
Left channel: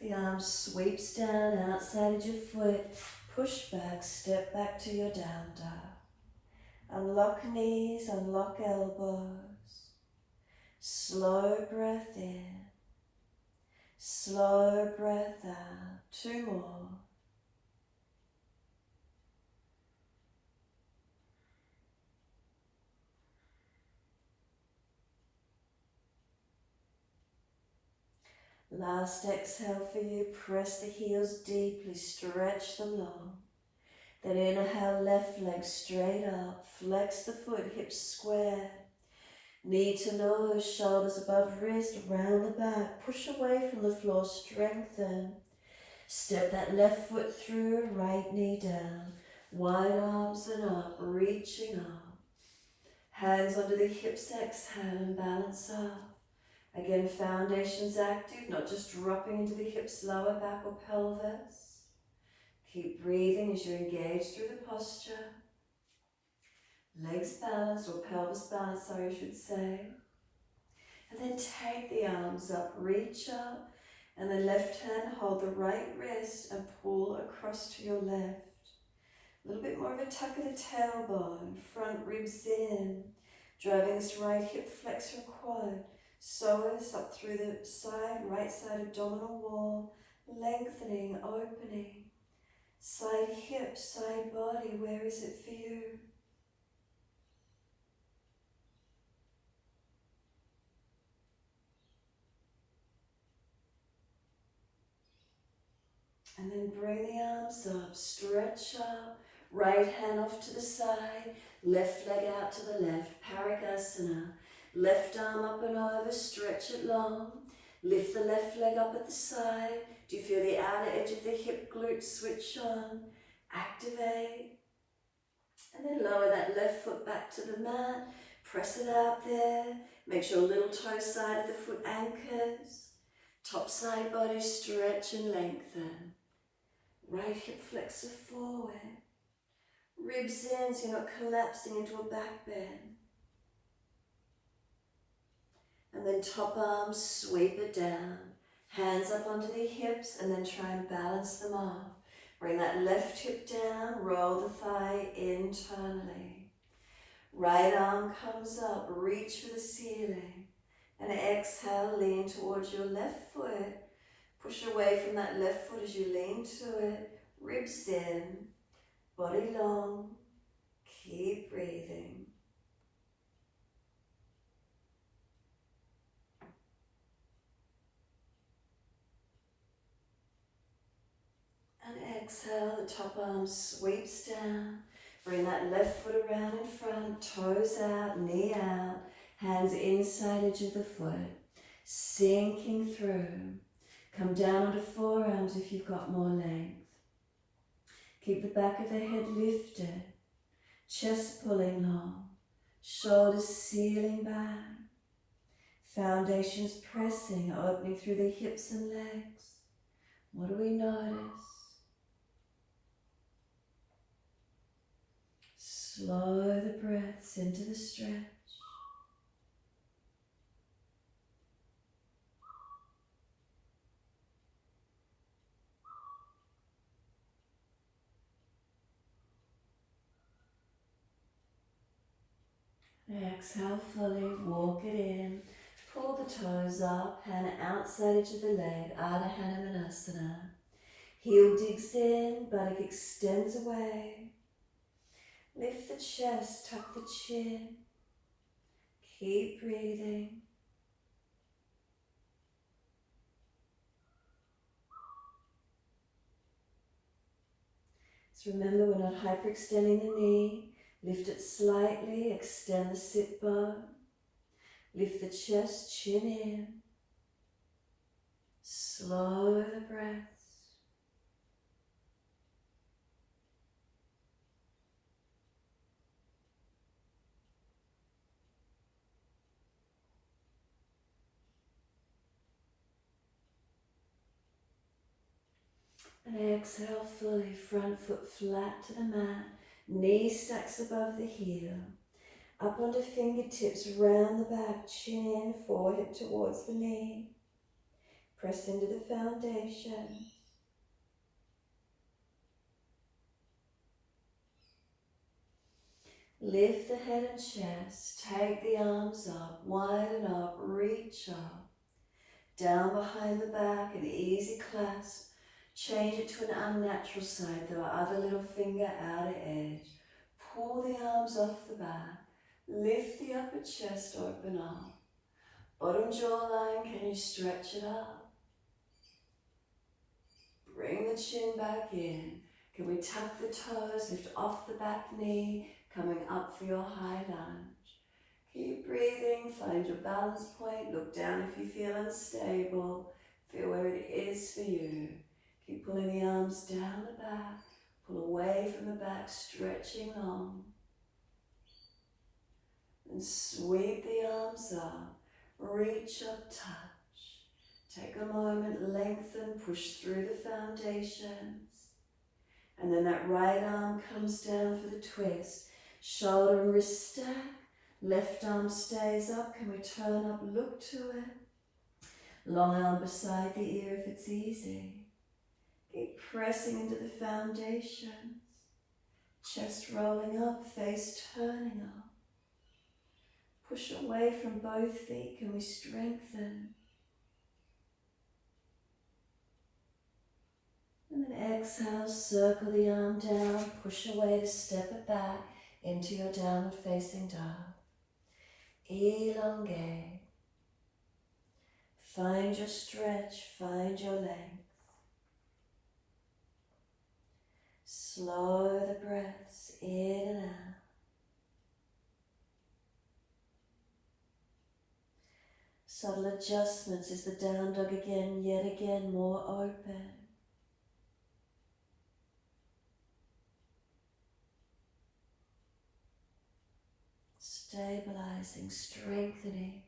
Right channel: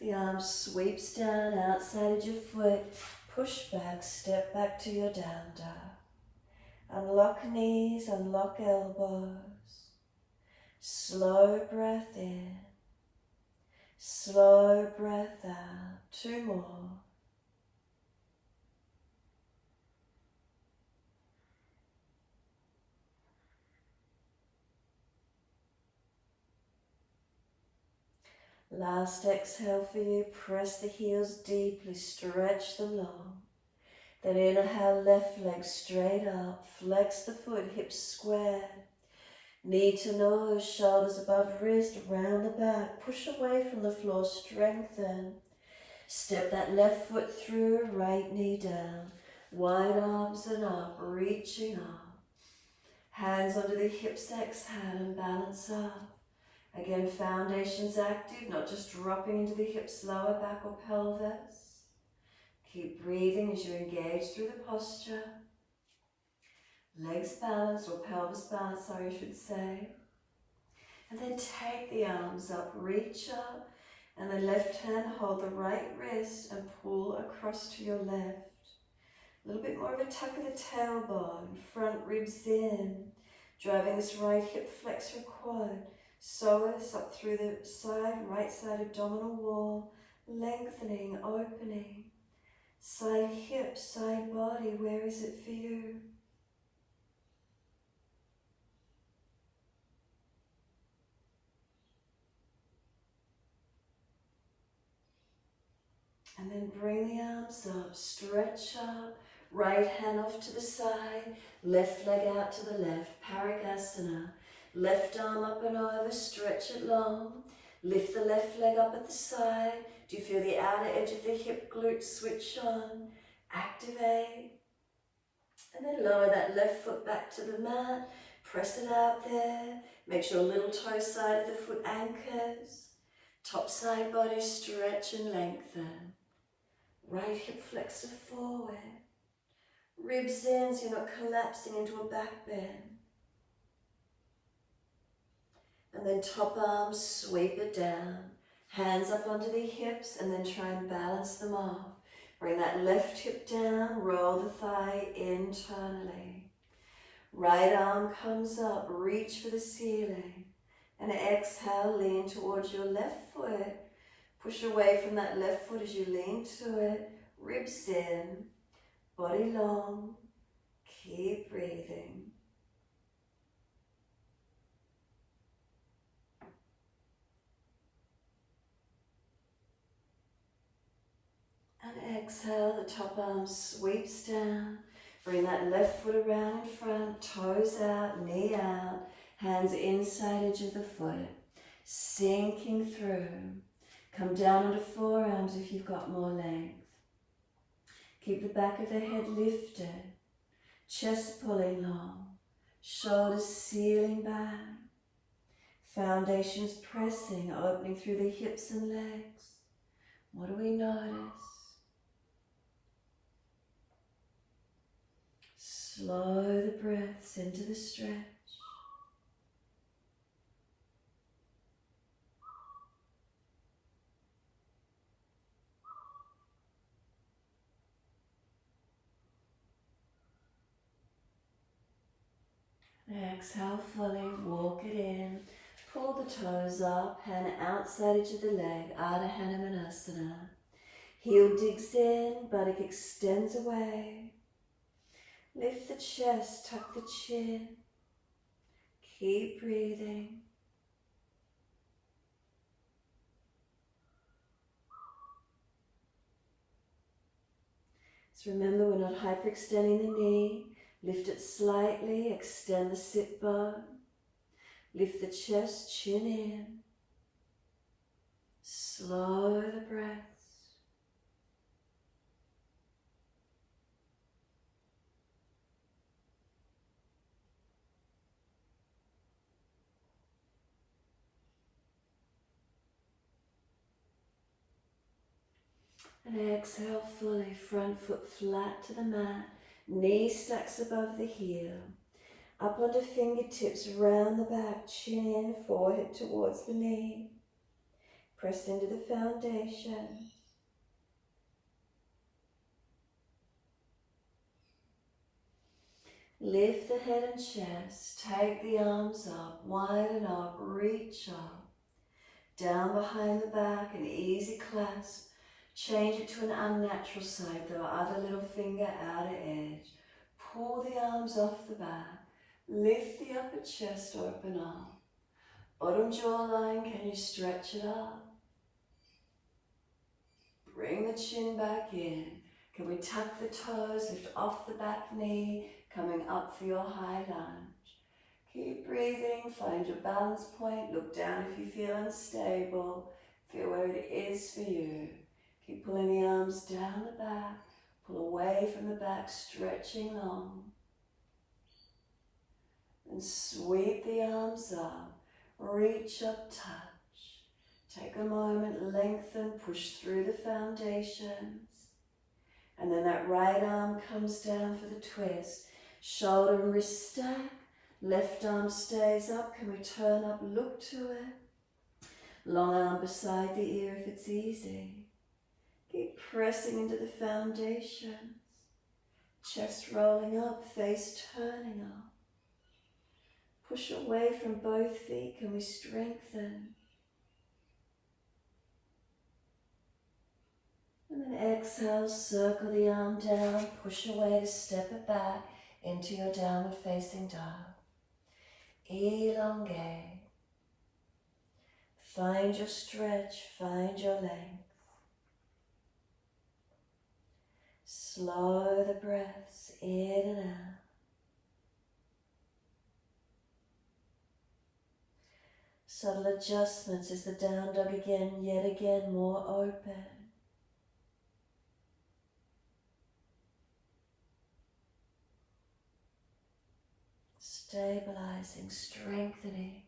The arm sweeps down outside of your foot. Push back, step back to your down dog. Unlock knees, unlock elbows. Slow breath in. Slow breath out. 2 more. Last exhale for you. Press the heels deeply. Stretch them long. Then inhale, left leg straight up. Flex the foot, hips square. Knee to nose, shoulders above wrist, round the back. Push away from the floor, strengthen. Step that left foot through, right knee down. Wide arms and up, reaching up. Hands under the hips, exhale and balance up. Again, foundations active, not just dropping into the hips, lower back or pelvis. Keep breathing as you engage through the posture. Legs balanced, or pelvis balanced, sorry, I should say. And then take the arms up, reach up, and the left hand hold the right wrist and pull across to your left. A little bit more of a tuck of the tailbone, front ribs in, driving this right hip flexor quad. Psoas up through the side, right side abdominal wall, lengthening, opening. Side hip, side body, where is it for you? And then bring the arms up, stretch up, right hand off to the side, left leg out to the left, Parikasana. Left arm up and over, stretch it long. Lift the left leg up at the side. Do you feel the outer edge of the hip glutes switch on? Activate. And then lower that left foot back to the mat. Press it out there. Make sure little toe side of the foot anchors. Top side body stretch and lengthen. Right hip flexor forward. Ribs in so you're not collapsing into a back bend. And then top arm, sweep it down. Hands up onto the hips and then try and balance them off. Bring that left hip down, roll the thigh internally. Right arm comes up, reach for the ceiling. And exhale, lean towards your left foot. Push away from that left foot as you lean to it. Ribs in, body long. Keep breathing. And exhale, the top arm sweeps down. Bring that left foot around in front, toes out, knee out, hands inside edge of the foot. Sinking through. Come down onto forearms if you've got more legs. Keep the back of the head lifted. Chest pulling long. Shoulders sealing back. Foundations pressing, opening through the hips and legs. What do we notice? Slow the breaths into the stretch. Exhale fully, walk it in. Pull the toes up, hand outside edge of the leg, Hanuman Asana. Heel digs in, buttock extends away. Lift the chest, tuck the chin. Keep breathing. So remember, we're not hyperextending the knee. Lift it slightly, extend the sit bone. Lift the chest, chin in. Slow the breaths. And exhale fully, front foot flat to the mat, knee stacks above the heel. Up onto fingertips, round the back, chin in, forehead towards the knee. Press into the foundation. Lift the head and chest, take the arms up, widen up, reach up. Down behind the back, an easy clasp. Change it to an unnatural side, though, other little finger outer edge. Pull the arms off the back. Lift the upper chest, open up. Bottom jawline, can you stretch it up? Bring the chin back in. Can we tuck the toes, lift off the back knee, coming up for your high lunge. Keep breathing, find your balance point, look down if you feel unstable, feel where it is for you. Keep pulling the arms down the back, pull away from the back, stretching long. And sweep the arms up, reach up, touch. Take a moment, lengthen, push through the foundations. And then that right arm comes down for the twist. Shoulder and wrist stack. Left arm stays up. Can we turn up, look to it? Long arm beside the ear if it's easy. Keep pressing into the foundations. Chest rolling up, face turning up. Push away from both feet. Can we strengthen? And then exhale, circle the arm down, push away to step it back into your downward facing dog. Elongate. Find your stretch, find your length. Slow the breaths in and out. Subtle adjustments as the down dog again, yet again more open. Stabilizing, strengthening.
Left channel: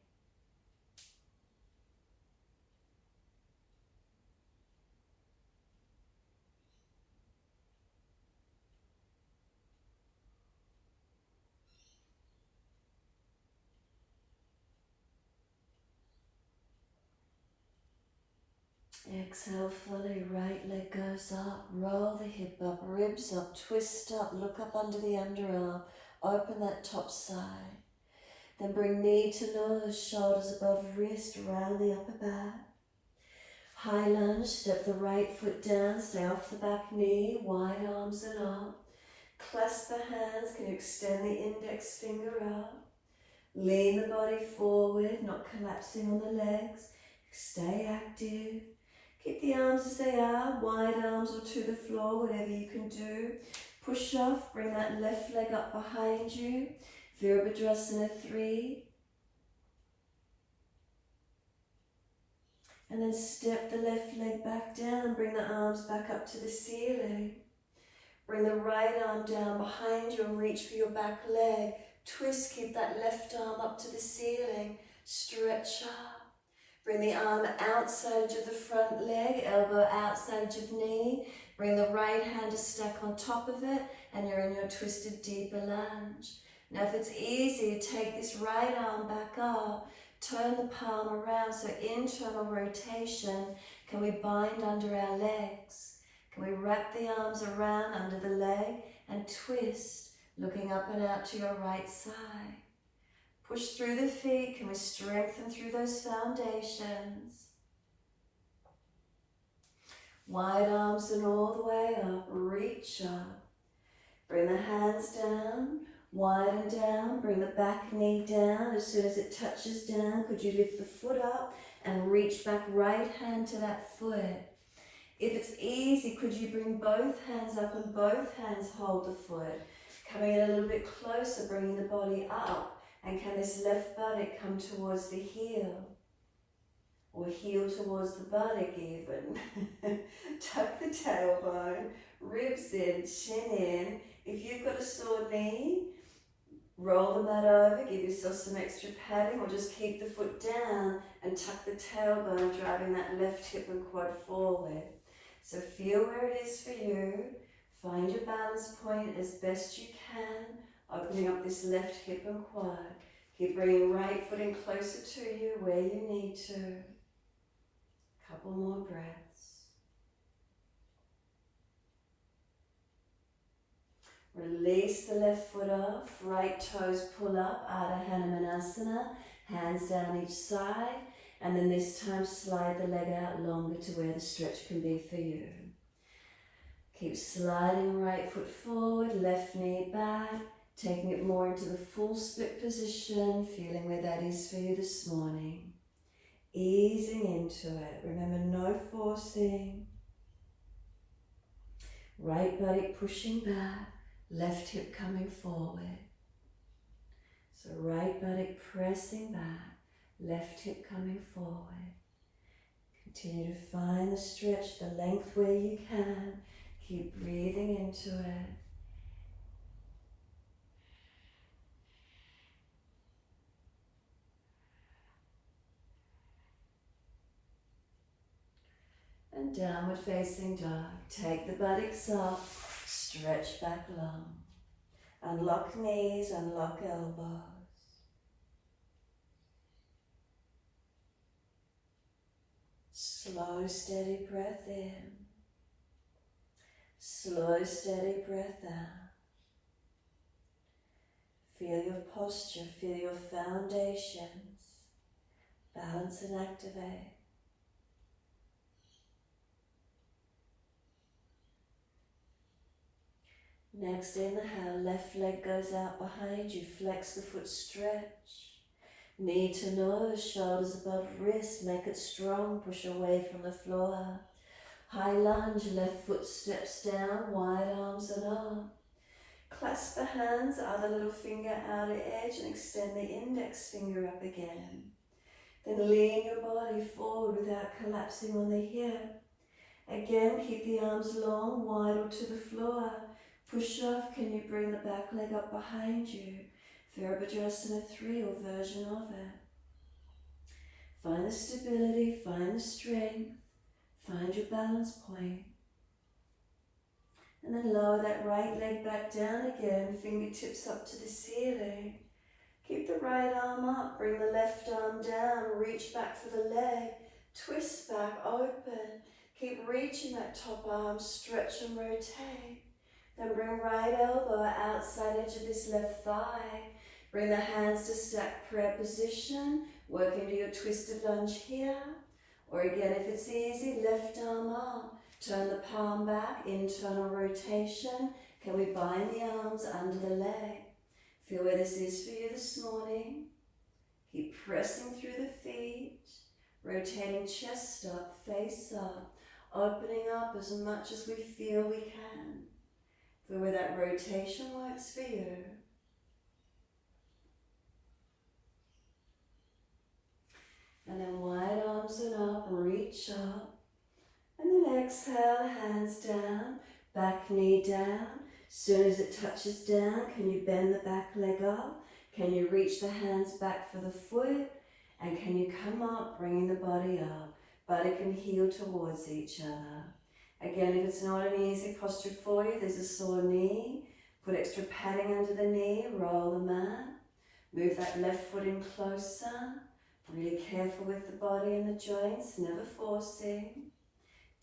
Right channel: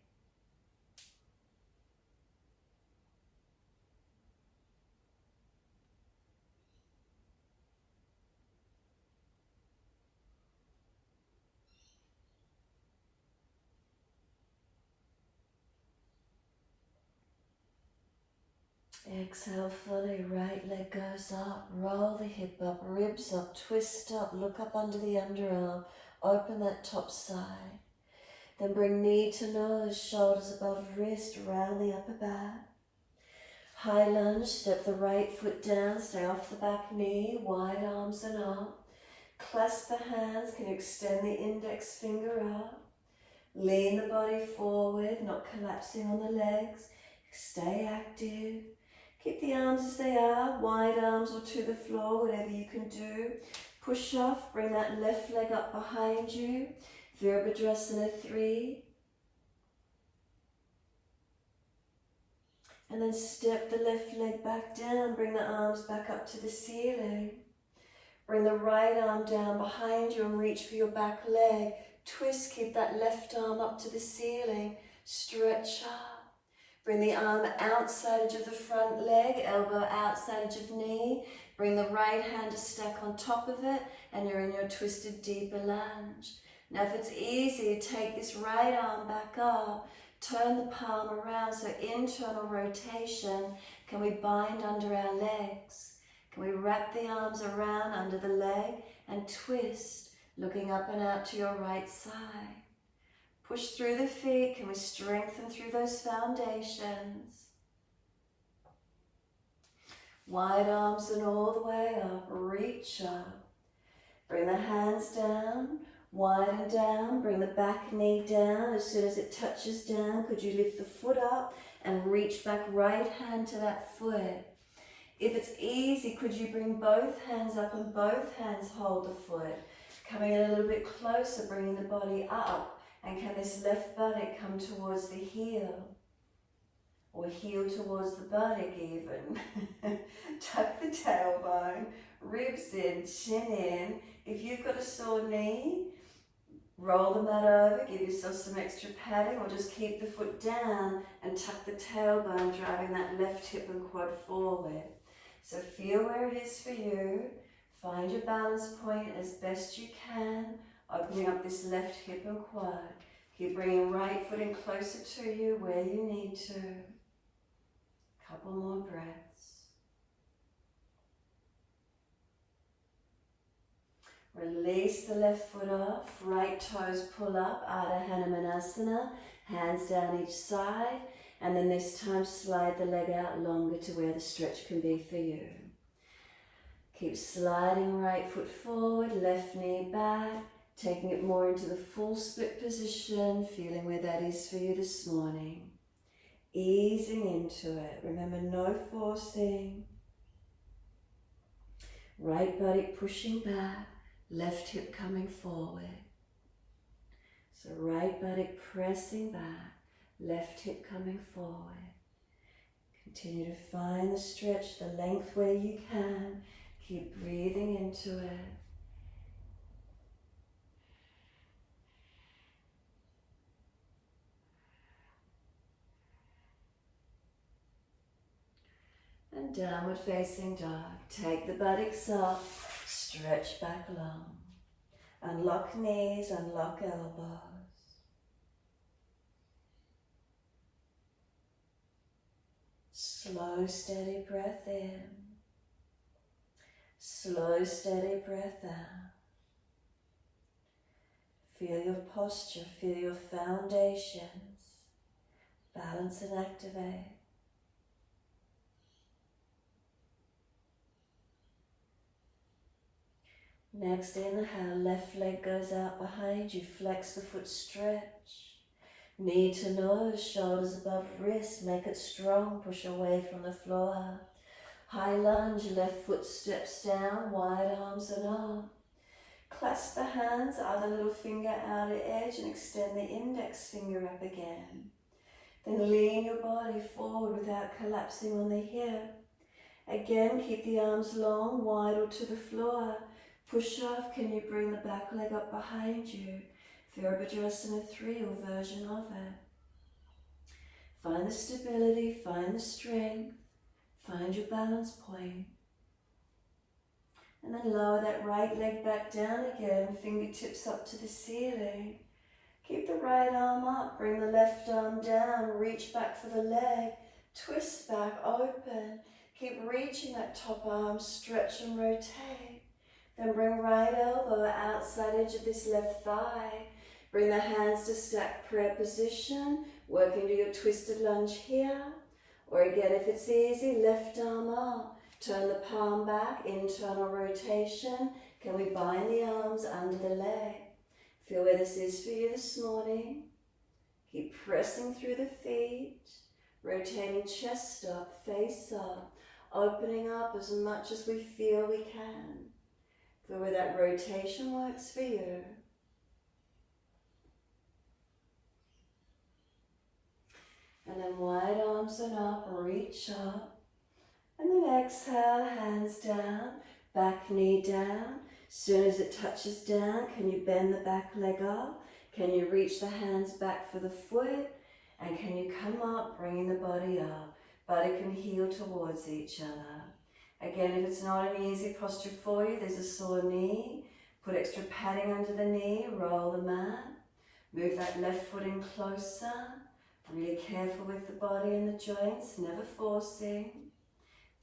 Exhale fully, right leg goes up, roll the hip up, ribs up, twist up, look up under the underarm, open that top side. Then bring knee to nose, shoulders above wrist, round the upper back. High lunge, step the right foot down, stay off the back knee, wide arms and up. Clasp the hands, can you extend the index finger out? Lean the body forward, not collapsing on the legs. Stay active. Keep the arms as they are, wide arms or to the floor, whatever you can do. Push off, bring that left leg up behind you. Virabhadrasana 3. And then step the left leg back down, bring the arms back up to the ceiling. Bring the right arm down behind you and reach for your back leg. Twist, keep that left arm up to the ceiling. Stretch up. Bring the arm outside edge of the front leg, elbow outside edge of knee. Bring the right hand to stack on top of it, and you're in your twisted deeper lunge. Now if it's easy, take this right arm back up, turn the palm around, so internal rotation. Can we bind under our legs? Can we wrap the arms around under the leg and twist, looking up and out to your right side? Push through the feet. Can we strengthen through those foundations? Wide arms and all the way up. Reach up. Bring the hands down. Widen down. Bring the back knee down. As soon as it touches down, could you lift the foot up and reach back right hand to that foot? If it's easy, could you bring both hands up and both hands hold the foot? Coming in a little bit closer, bringing the body up. And can this left buttock come towards the heel? Or heel towards the buttock even? Tuck the tailbone, ribs in, chin in. If you've got a sore knee, roll the mat over, give yourself some extra padding, or just keep the foot down and tuck the tailbone, driving that left hip and quad forward. So feel where it is for you. Find your balance point as best you can, opening up this left hip and quad. Keep bringing right foot in closer to you where you need to. Couple more breaths. Release the left foot off, right toes pull up, Hanuman Asana, hands down each side, and then this time slide the leg out longer to where the stretch can be for you. Keep sliding right foot forward, left knee back, taking it more into the full split position, feeling where that is for you this morning. Easing into it. Remember, no forcing. Right buttock pushing back, left hip coming forward. So right buttock pressing back, left hip coming forward. Continue to find the stretch, the length where you can. Keep breathing into it. And downward facing dog. Take the buttocks up, stretch back long. Unlock knees, unlock elbows. Slow, steady breath in. Slow, steady breath out. Feel your posture, feel your foundations. Balance and activate. Next inhale, left leg goes out behind you, flex the foot, stretch. Knee to nose, shoulders above wrist, make it strong, push away from the floor. High lunge, left foot steps down, wide arms and up. Clasp the hands, other little finger outer edge, and extend the index finger up again. Then lean your body forward without collapsing on the hip. Again, keep the arms long, wide or to the floor. Push off, can you bring the back leg up behind you? Virabhadrasana 3 or version of it. Find the stability, find the strength, find your balance point. And then lower that right leg back down again, fingertips up to the ceiling. Keep the right arm up, bring the left arm down, reach back for the leg, twist back, open. Keep reaching that top arm, stretch and rotate. Then bring right elbow outside edge of this left thigh. Bring the hands to stack prayer position. Work into your twisted lunge here. Or again, if it's easy, left arm up. Turn the palm back, internal rotation. Can we bind the arms under the leg? Feel where this is for you this morning. Keep pressing through the feet. Rotating chest up, face up. Opening up as much as we feel we can. Feel where that rotation works for you. And then wide arms and up, reach up. And then exhale, hands down, back knee down. Soon as it touches down, can you bend the back leg up? Can you reach the hands back for the foot? And can you come up, bringing the body up? Body can heel towards each other. Again, if it's not an easy posture for you, there's a sore knee. Put extra padding under the knee, roll the mat. Move that left foot in closer. Really careful with the body and the joints, never forcing.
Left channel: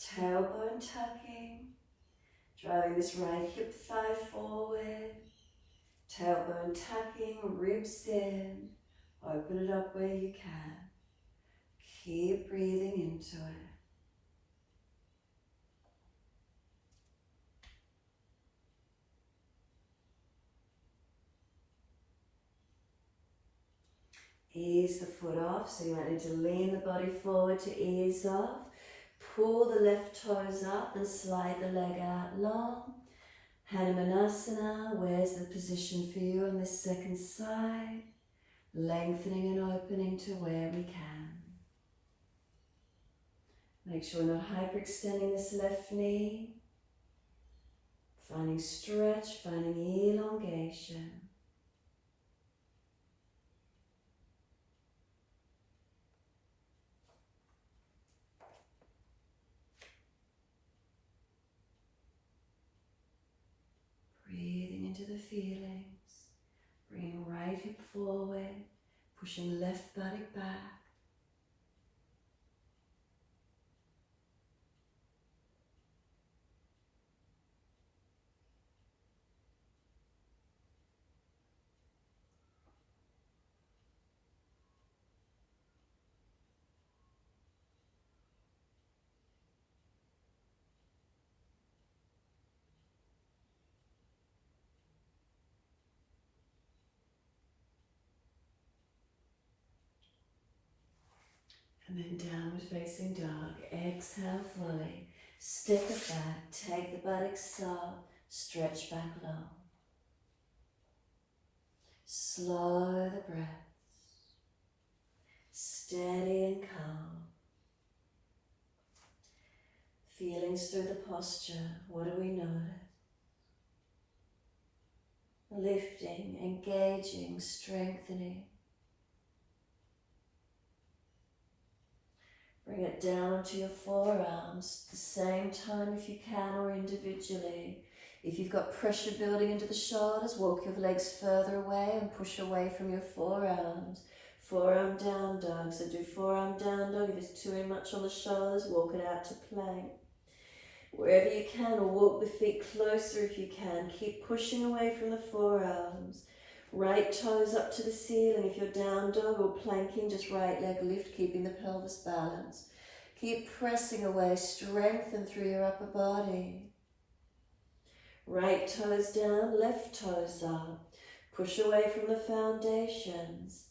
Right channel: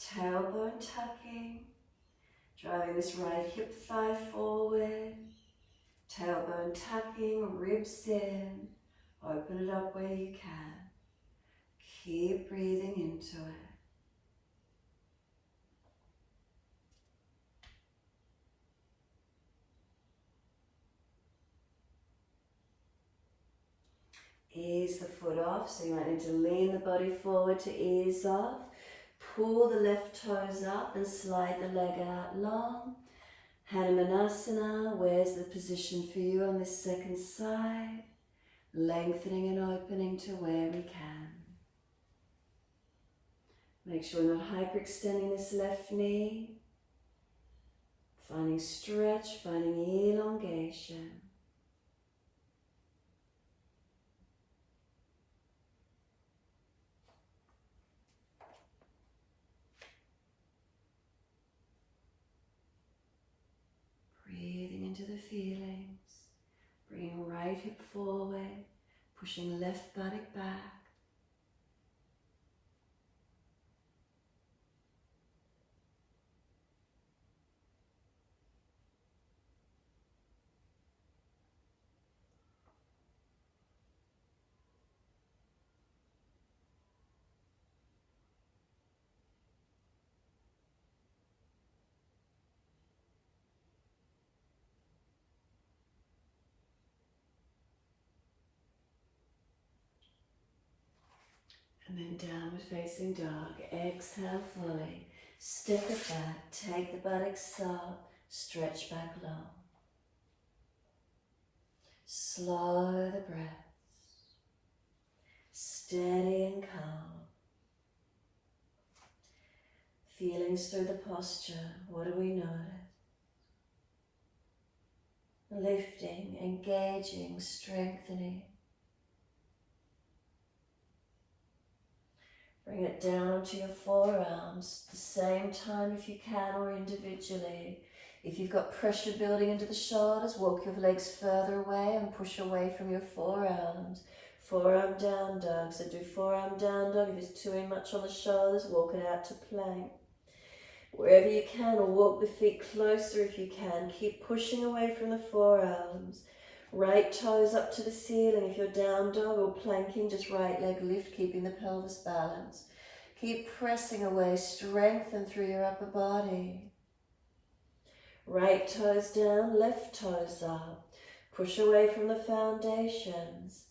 Tailbone tucking. Driving this right hip thigh forward. Tailbone tucking, ribs in. Open it up where you can. Keep breathing into it. Ease the foot off, so you might need to lean the body forward to ease off. Pull the left toes up and slide the leg out long. Hanuman Asana, where's the position for you on the second side? Lengthening and opening to where we can. Make sure we're not hyperextending this left knee. Finding stretch, finding elongation. into the feelings. Bringing right hip forward, pushing left buttock back. And then downward facing dog. Exhale fully. Step it back. Take the buttocks up. Stretch back long. Slow the breath. Steady and calm. Feelings through the posture. What do we notice? Lifting, engaging, strengthening. Bring it down to your forearms, the same time if you can or individually. If you've got pressure building into the shoulders, walk your legs further away and push away from your forearms. Forearm down dog, so do forearm down dog. If it's too much on the shoulders, walk it out to plank. Wherever you can, or walk the feet closer if you can. Keep pushing away from the forearms. Right toes up to the ceiling. If you're down dog or planking, just right leg lift, keeping the pelvis balanced. Keep pressing away, strengthen through your upper body. Right toes down, left toes up. Push away from the foundations.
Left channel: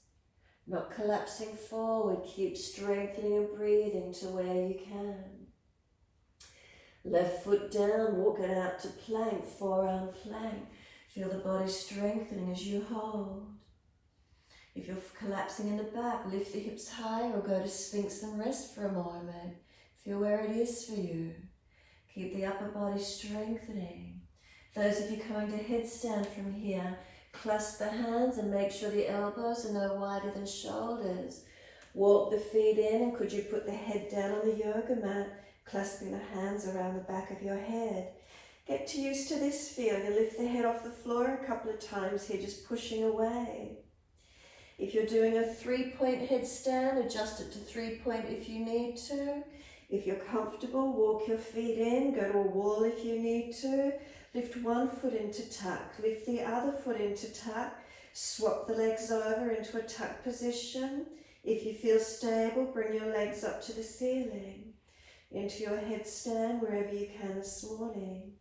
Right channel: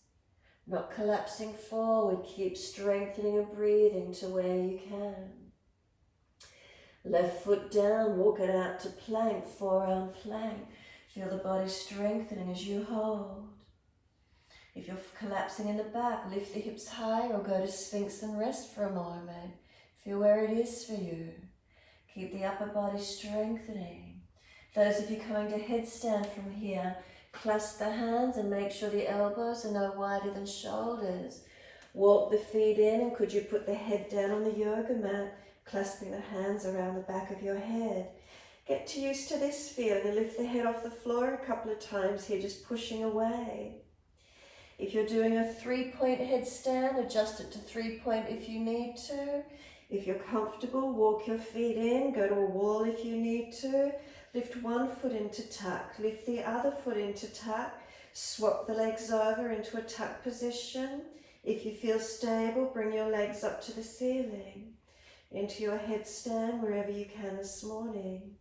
Not collapsing forward, keep strengthening and breathing to where you can. Left foot down, walk it out to plank, forearm plank. Feel the body strengthening as you hold. If you're collapsing in the back, lift the hips higher or go to Sphinx and rest for a moment. Feel where it is for you. Keep the upper body strengthening. Those of you coming to headstand from here, clasp the hands and make sure the elbows are no wider than shoulders. Walk the feet in, and could you put the head down on the yoga mat, clasping the hands around the back of your head. Get used to this feeling and lift the head off the floor a couple of times here, just pushing away. If you're doing a 3-point headstand, adjust it to 3-point if you need to. If you're comfortable, walk your feet in, go to a wall if you need to. Lift one foot into tuck, lift the other foot into tuck. Swap the legs over into a tuck position. If you feel stable, bring your legs up to the ceiling. Into your headstand wherever you can this morning.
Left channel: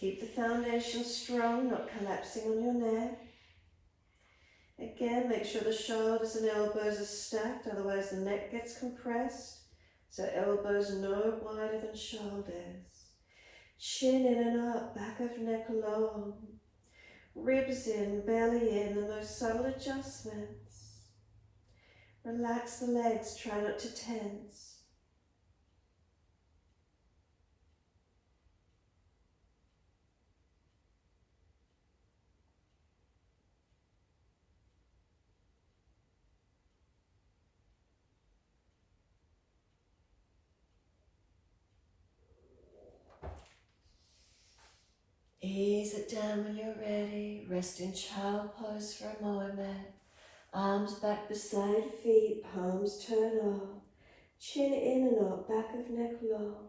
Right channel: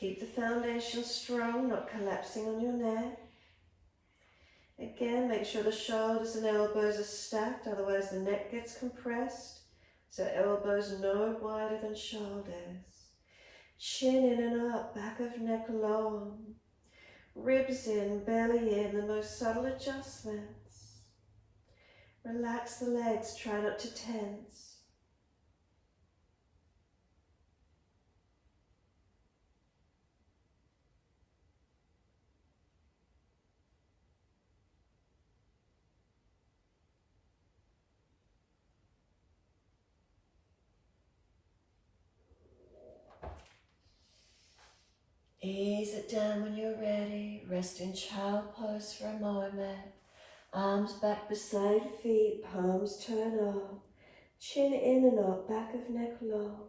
Keep the foundation strong, not collapsing on your neck. Again, make sure the shoulders and elbows are stacked, otherwise the neck gets compressed. So elbows no wider than shoulders. Chin in and up, back of neck long. Ribs in, belly in, the most subtle adjustments. Relax the legs, try not to tense. Ease it down when you're ready. Rest in child pose for a moment. Arms back beside feet, palms turn up. Chin in and up, back of neck long.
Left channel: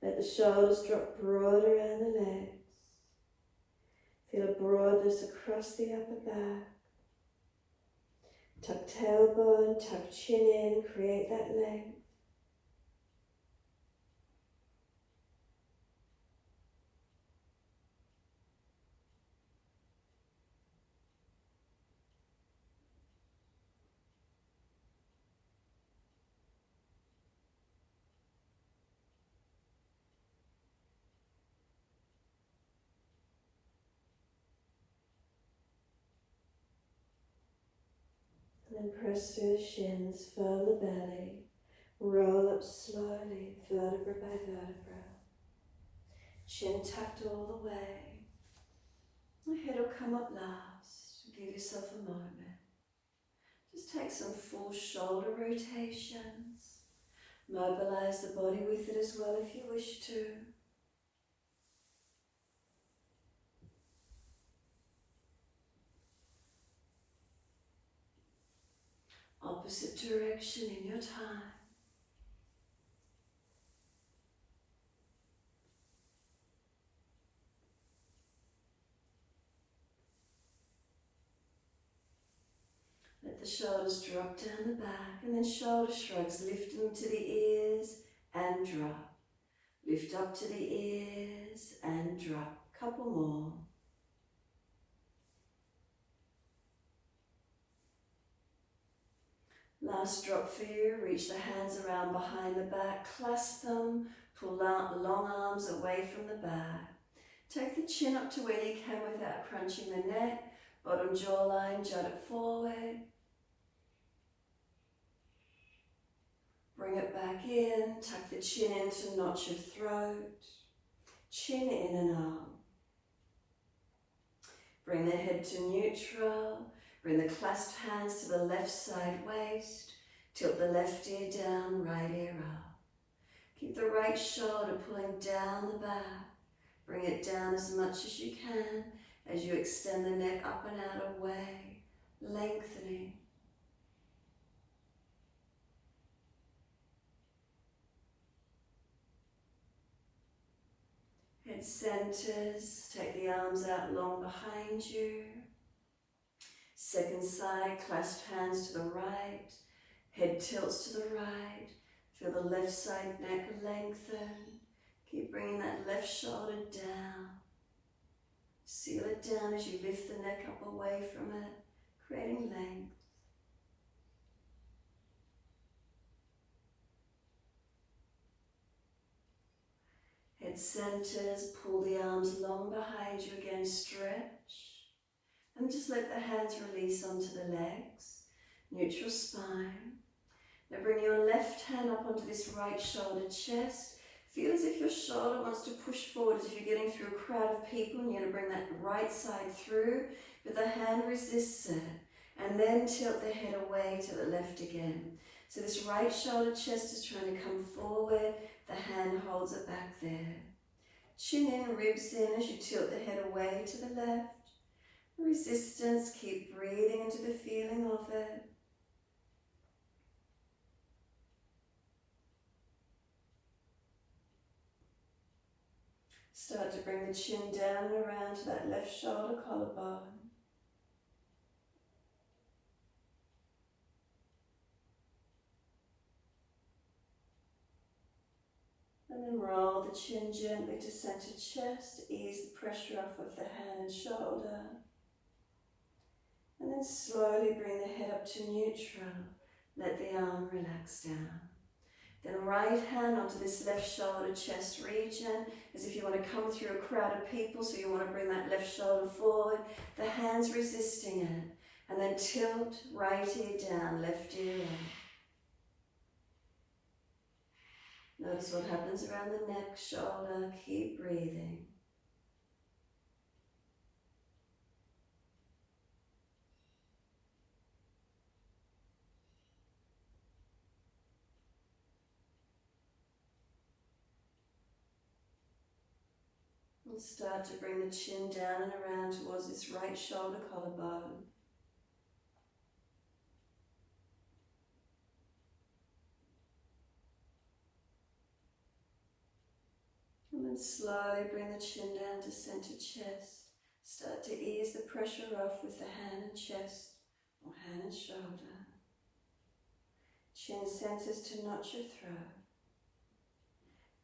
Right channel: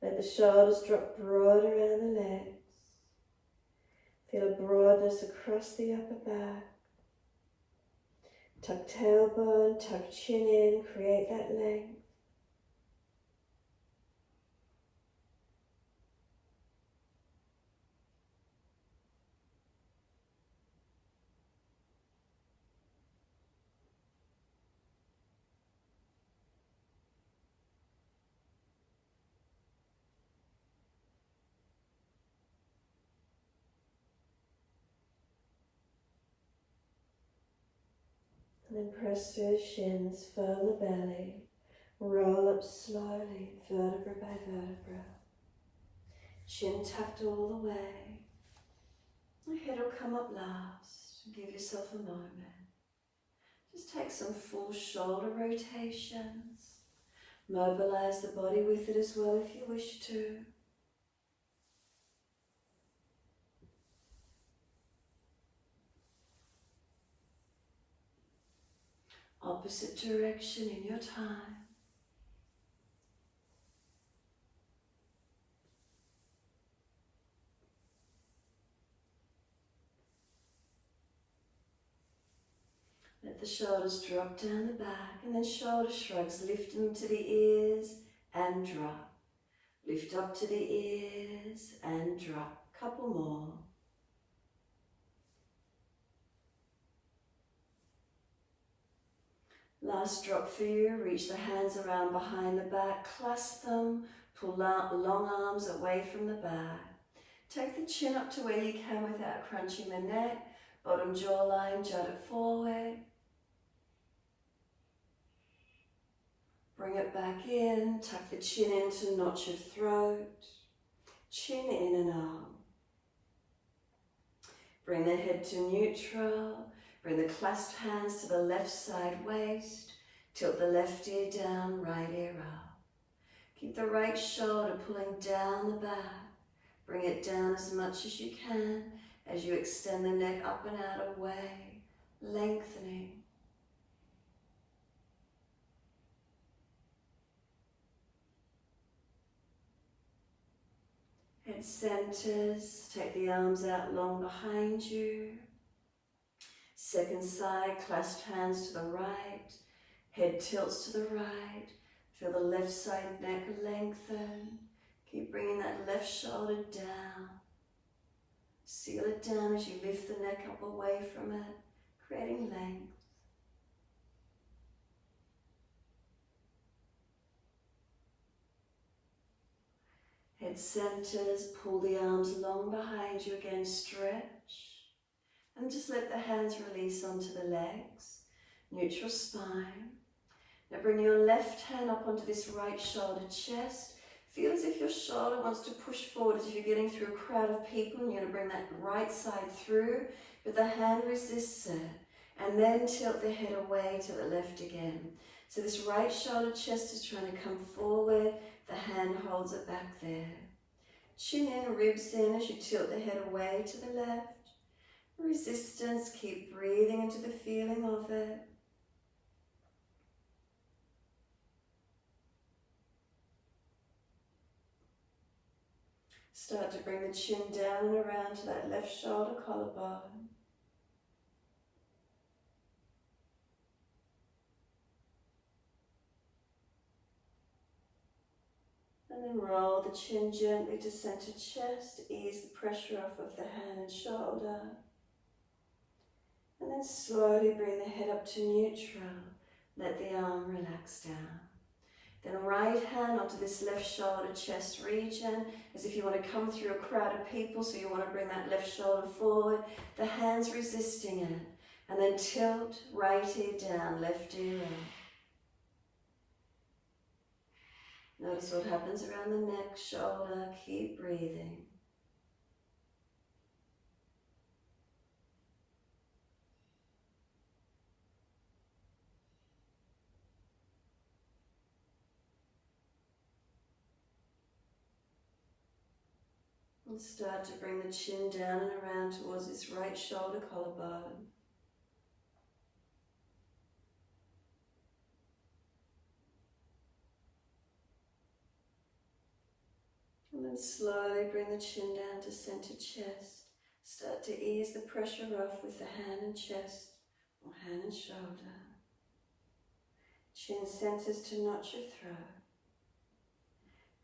Let the shoulders drop broad around the legs. Feel a broadness across the upper back. Tuck tailbone, tuck chin in, create that length. And then press through the shins, firm the belly, roll up slowly, vertebra by vertebra. Chin tucked all the way. The head will come up last. Give yourself a moment. Just take some full shoulder rotations. Mobilize the body with it as well if you wish to. Opposite direction in your time. Let the shoulders drop down the back, and then shoulder shrugs, lift them to the ears and drop. Lift up to the ears and drop. Couple more. Last drop for you. Reach the hands around behind the back, clasp them, pull out the long arms away from the back. Take the chin up to where you can without crunching the neck. Bottom jawline, jut it forward. Bring it back in, tuck the chin in to notch your throat. Chin in and out. Bring the head to neutral. Bring the clasped hands to the left side waist. Tilt the left ear down, right ear up. Keep the right shoulder pulling down the back. Bring it down as much as you can as you extend the neck up and out away, lengthening. Head centers, take the arms out long behind you. Second side, clasp hands to the right. Head tilts to the right. Feel the left side neck lengthen. Keep bringing that left shoulder down. Seal it down as you lift the neck up away from it, creating length. Head centers, pull the arms long behind you again, stretch. And just let the hands release onto the legs, neutral spine. Now bring your left hand up onto this right shoulder, chest. Feel as if your shoulder wants to push forward as if you're getting through a crowd of people, and you're going to bring that right side through, but the hand resists it. And then tilt the head away to the left again. So this right shoulder, chest is trying to come forward, the hand holds it back there. Chin in, ribs in as you tilt the head away to the left. Resistance, keep breathing into the feeling of it. Start to bring the chin down and around to that left shoulder collarbone. And then roll the chin gently to center chest, ease the pressure off of the hand and shoulder. And then slowly bring the head up to neutral. Let the arm relax down. Then right hand onto this left shoulder, chest region, as if you want to come through a crowd of people, so you want to bring that left shoulder forward. The hands resisting it. And then tilt, right ear down, left ear in. Notice what happens around the neck, shoulder, keep breathing. And start to bring the chin down and around towards this right shoulder collarbone. And then slowly bring the chin down to center chest. Start to ease the pressure off with the hand and chest, or hand and shoulder. Chin centers to notch your throat.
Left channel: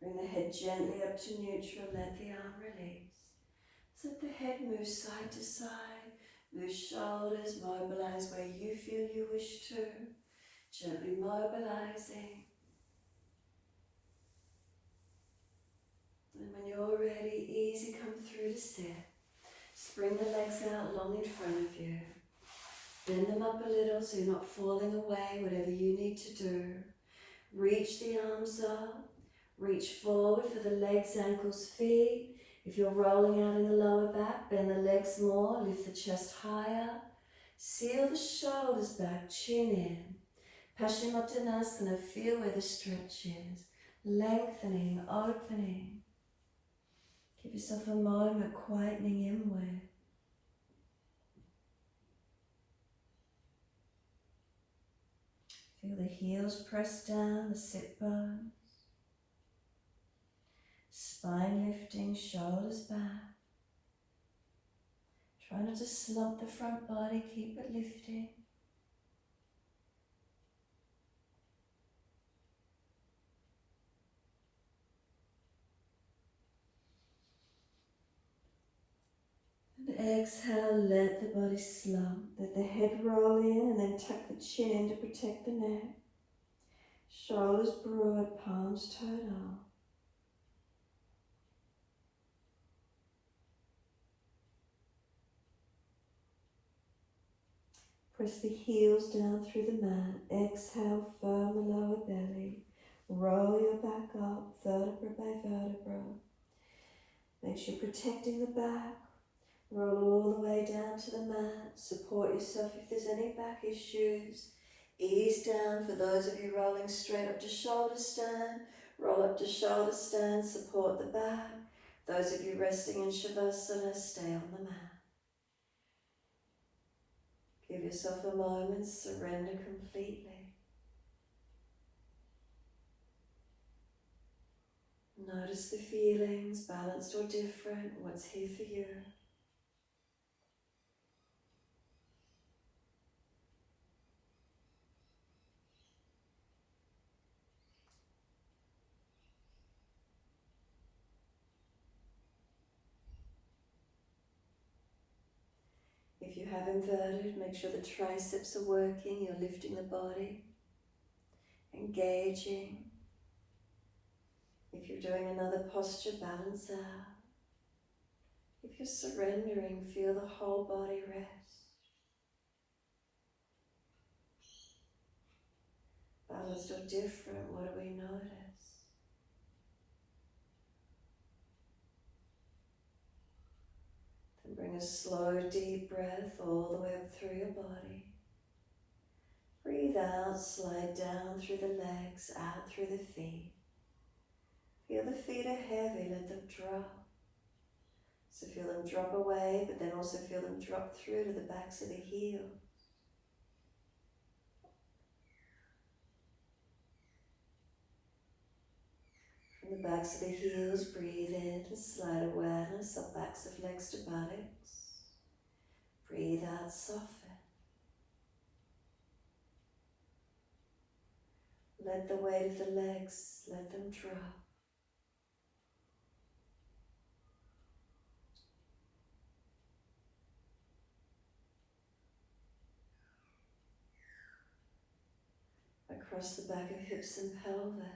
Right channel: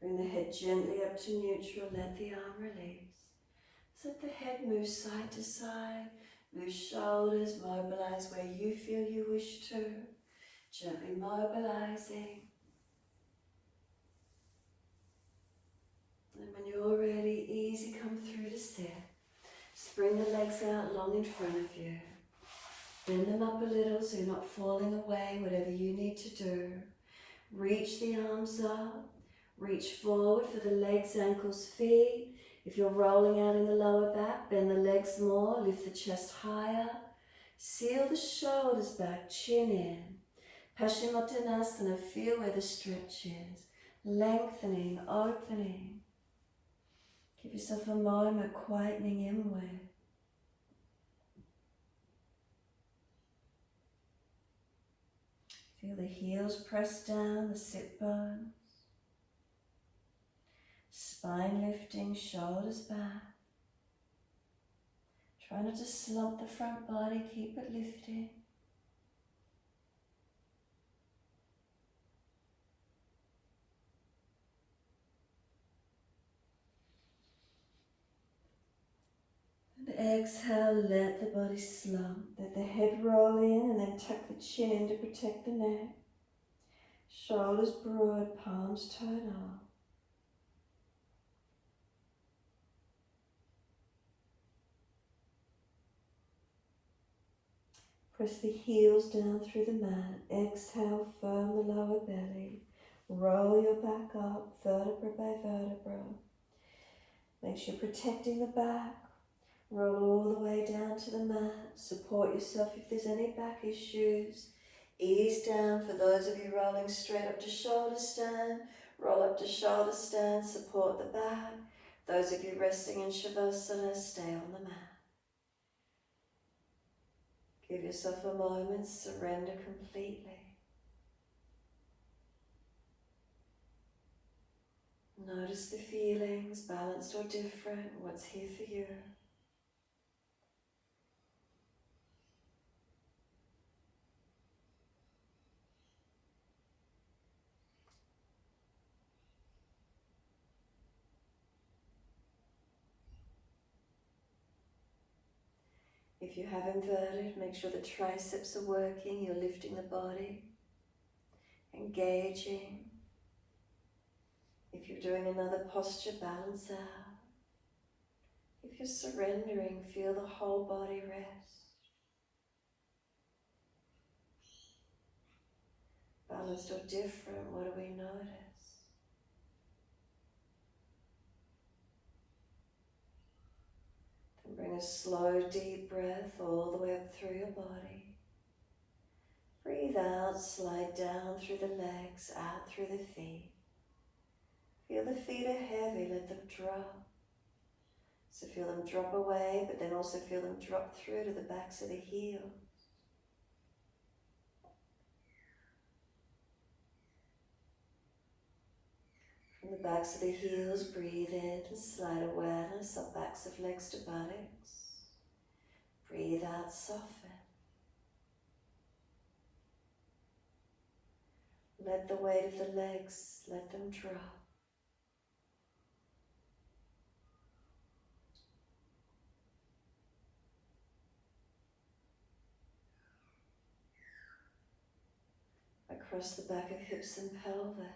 Bring the head gently up to neutral, let the arm release. So let the head move side to side, move shoulders, mobilize where you feel you wish to. Gently mobilizing. And when you're ready, easy, come through to sit. Bring the legs out long in front of you. Bend them up a little so you're not falling away, whatever you need to do. Reach the arms up. Reach forward for the legs, ankles, feet. If you're rolling out in the lower back, bend the legs more, lift the chest higher. Seal the shoulders back, chin in. Paschimottanasana, feel where the stretch is. Lengthening, opening. Give yourself a moment, quietening inward. the heels press down the sit bones. Spine lifting, shoulders back. Try not to slump the front body, keep it lifting. And exhale, let the body slump. Let the head roll in and then tuck the chin in to protect the neck. Shoulders broad, palms turn up. Press the heels down through the mat. Exhale, firm the lower belly. Roll your back up, vertebra by vertebra. Make sure you're protecting the back. Roll all the way down to the mat. Support yourself if there's any back issues. Ease down for those of you rolling straight up to shoulder stand. Roll up to shoulder stand, support the back. Those of you resting in Shavasana, stay on the mat. Give yourself a moment, surrender completely. Notice the feelings, balanced or different, what's here for you. If you have inverted, make sure the triceps are working, you're lifting the body, engaging. If you're doing another posture, balance out. If you're surrendering, feel the whole body rest. Balanced or different, what do we notice? Then bring a slow, deep breath all the way up through your body. Breathe out, slide down through the legs, out through the feet. Feel the feet are heavy, let them drop. So feel them drop away, but then also feel them drop through to the backs of the heels. From the backs of the heels, breathe in, slide awareness up backs of legs to buttocks. Breathe out, soften. Let the weight of the legs, let them drop. Across the back of hips and pelvis.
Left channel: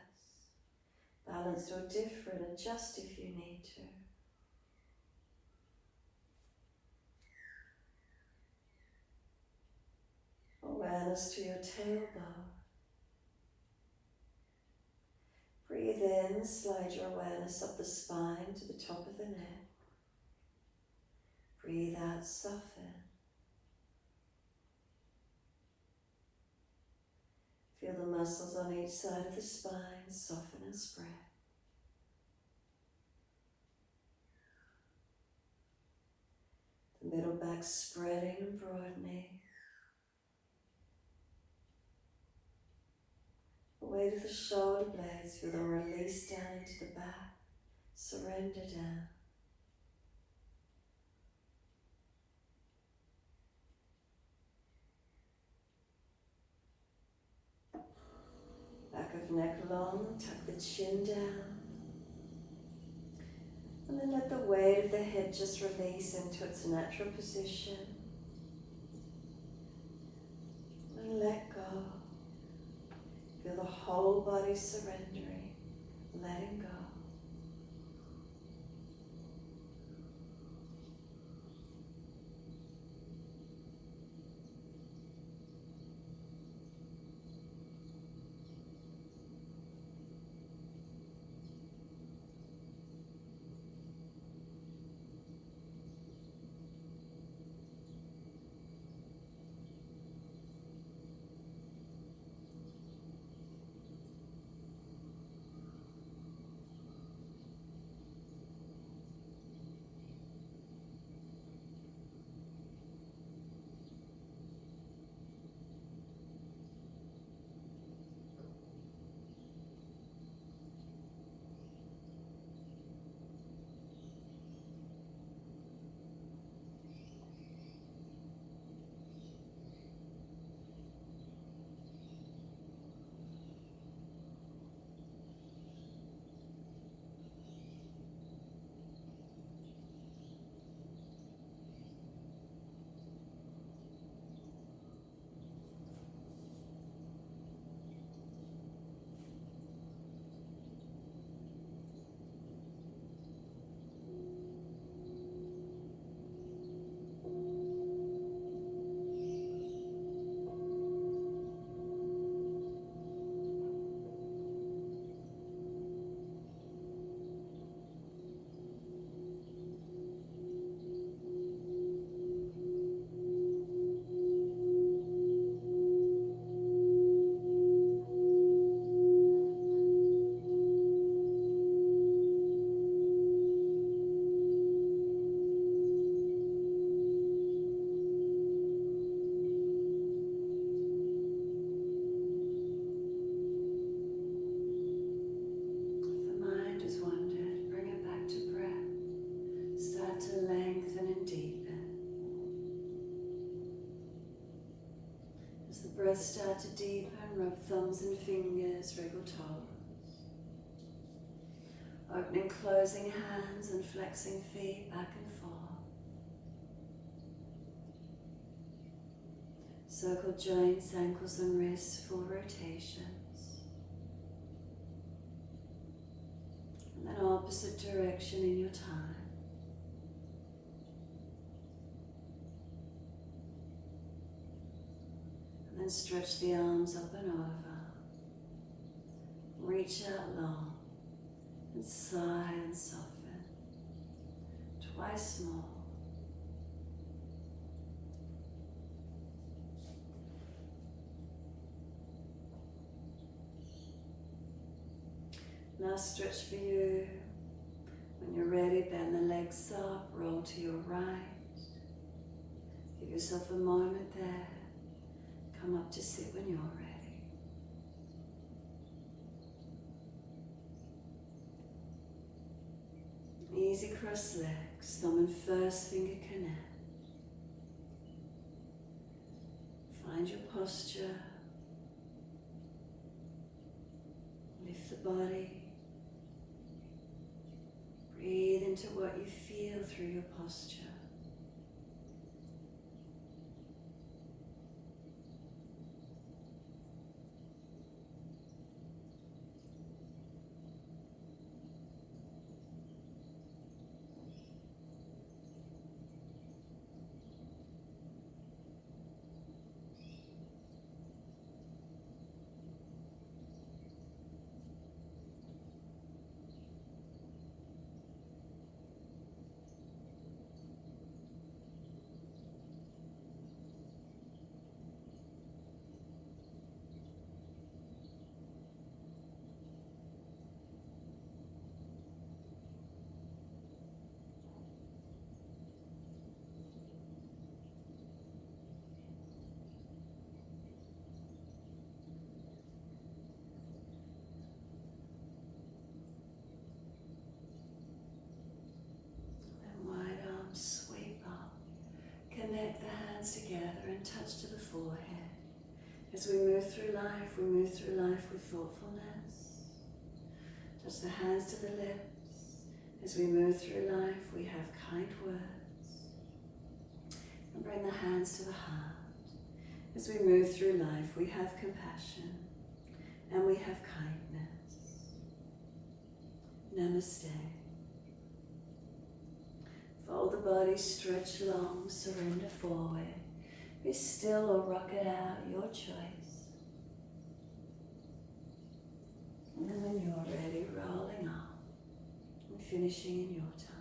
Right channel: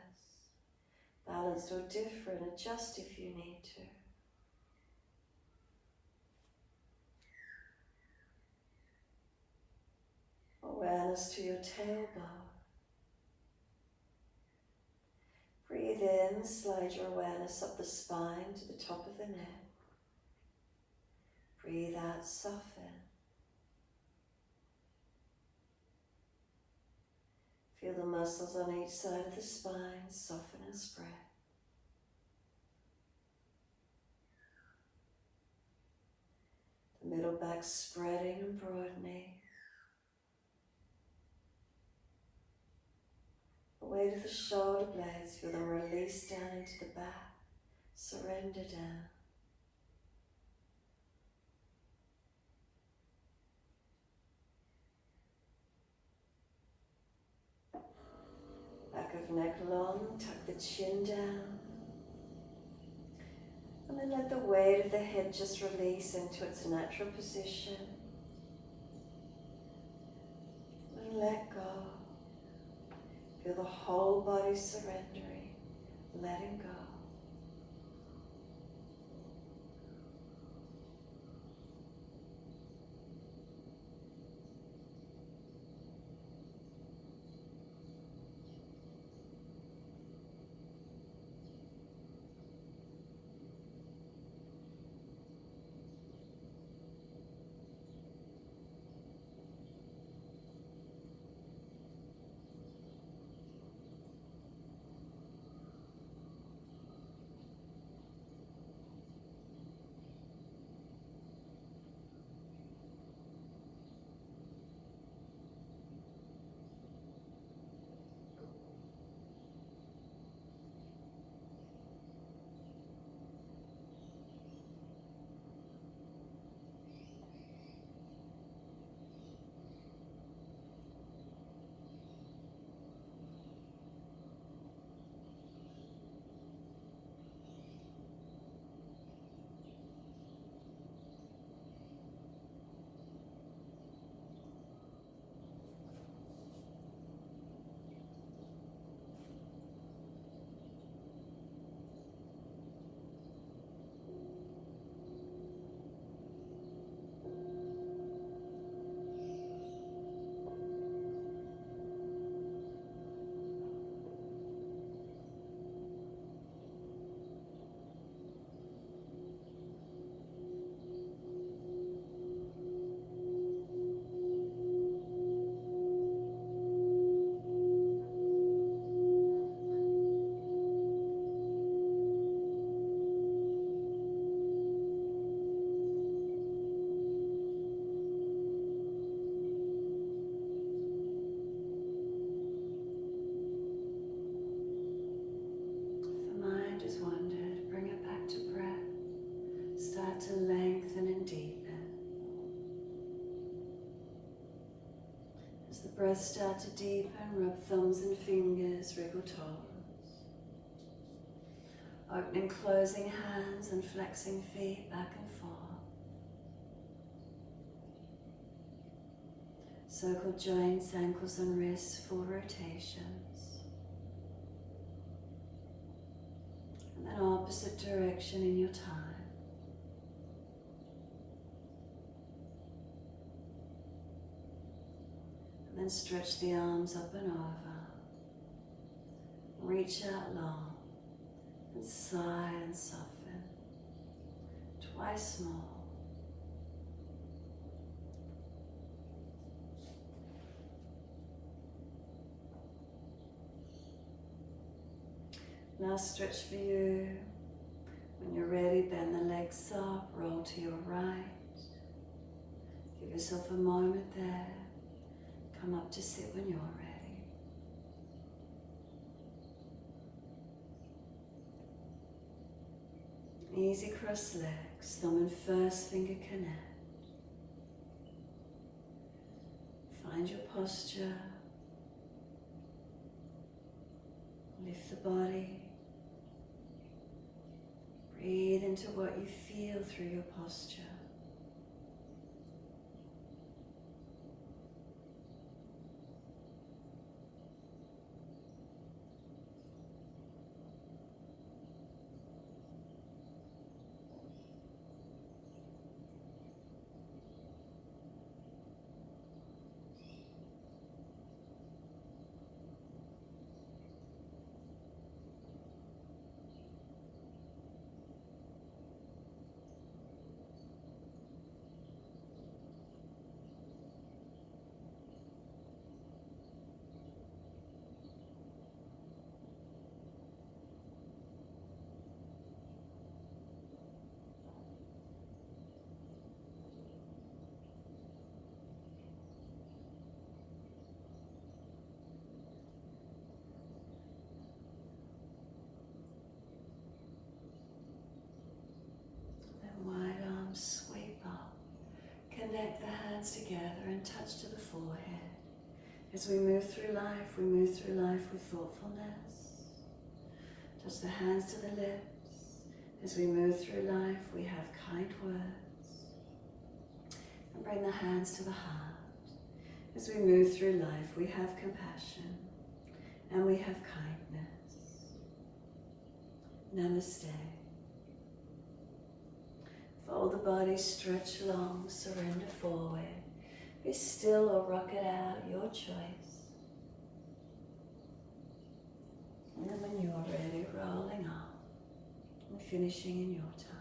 Balanced or different, adjust if you need to. Awareness to your tailbone. Breathe in, slide your awareness up the spine to the top of the neck. Breathe out, soften. Feel the muscles on each side of the spine soften and spread. The middle back spreading and broadening. The weight of the shoulder blades, feel them release down into the back. Surrender down. Back of neck long, tuck the chin down. And then let the weight of the head just release into its natural position. And let go. Feel the whole body surrendering, letting go. start to lengthen and deepen. As the breath starts to deepen, rub thumbs and fingers, wriggle toes. Opening, closing hands and flexing feet back and forth. Circle joints, ankles and wrists, full rotations. And then opposite direction in your time. And then stretch the arms up and over. Reach out long and sigh and soften. Twice more. Last stretch for you. When you're ready, bend the legs up, roll to your right. Give yourself a moment there. Come up to sit when you're ready. Easy cross legs, thumb and first finger connect. Find your posture. Lift the body. Breathe into what you feel through your posture. Sweep up. Connect the hands together and touch to the forehead. As we move through life with thoughtfulness. Touch the hands to the lips. As we move through life, we have kind words. And bring the hands to the heart. As we move through life, we have compassion and we have kindness. Namaste. Fold the body, stretch long, surrender forward. Be still or rock it out, your choice. And then when you're ready, rolling up and finishing in your time.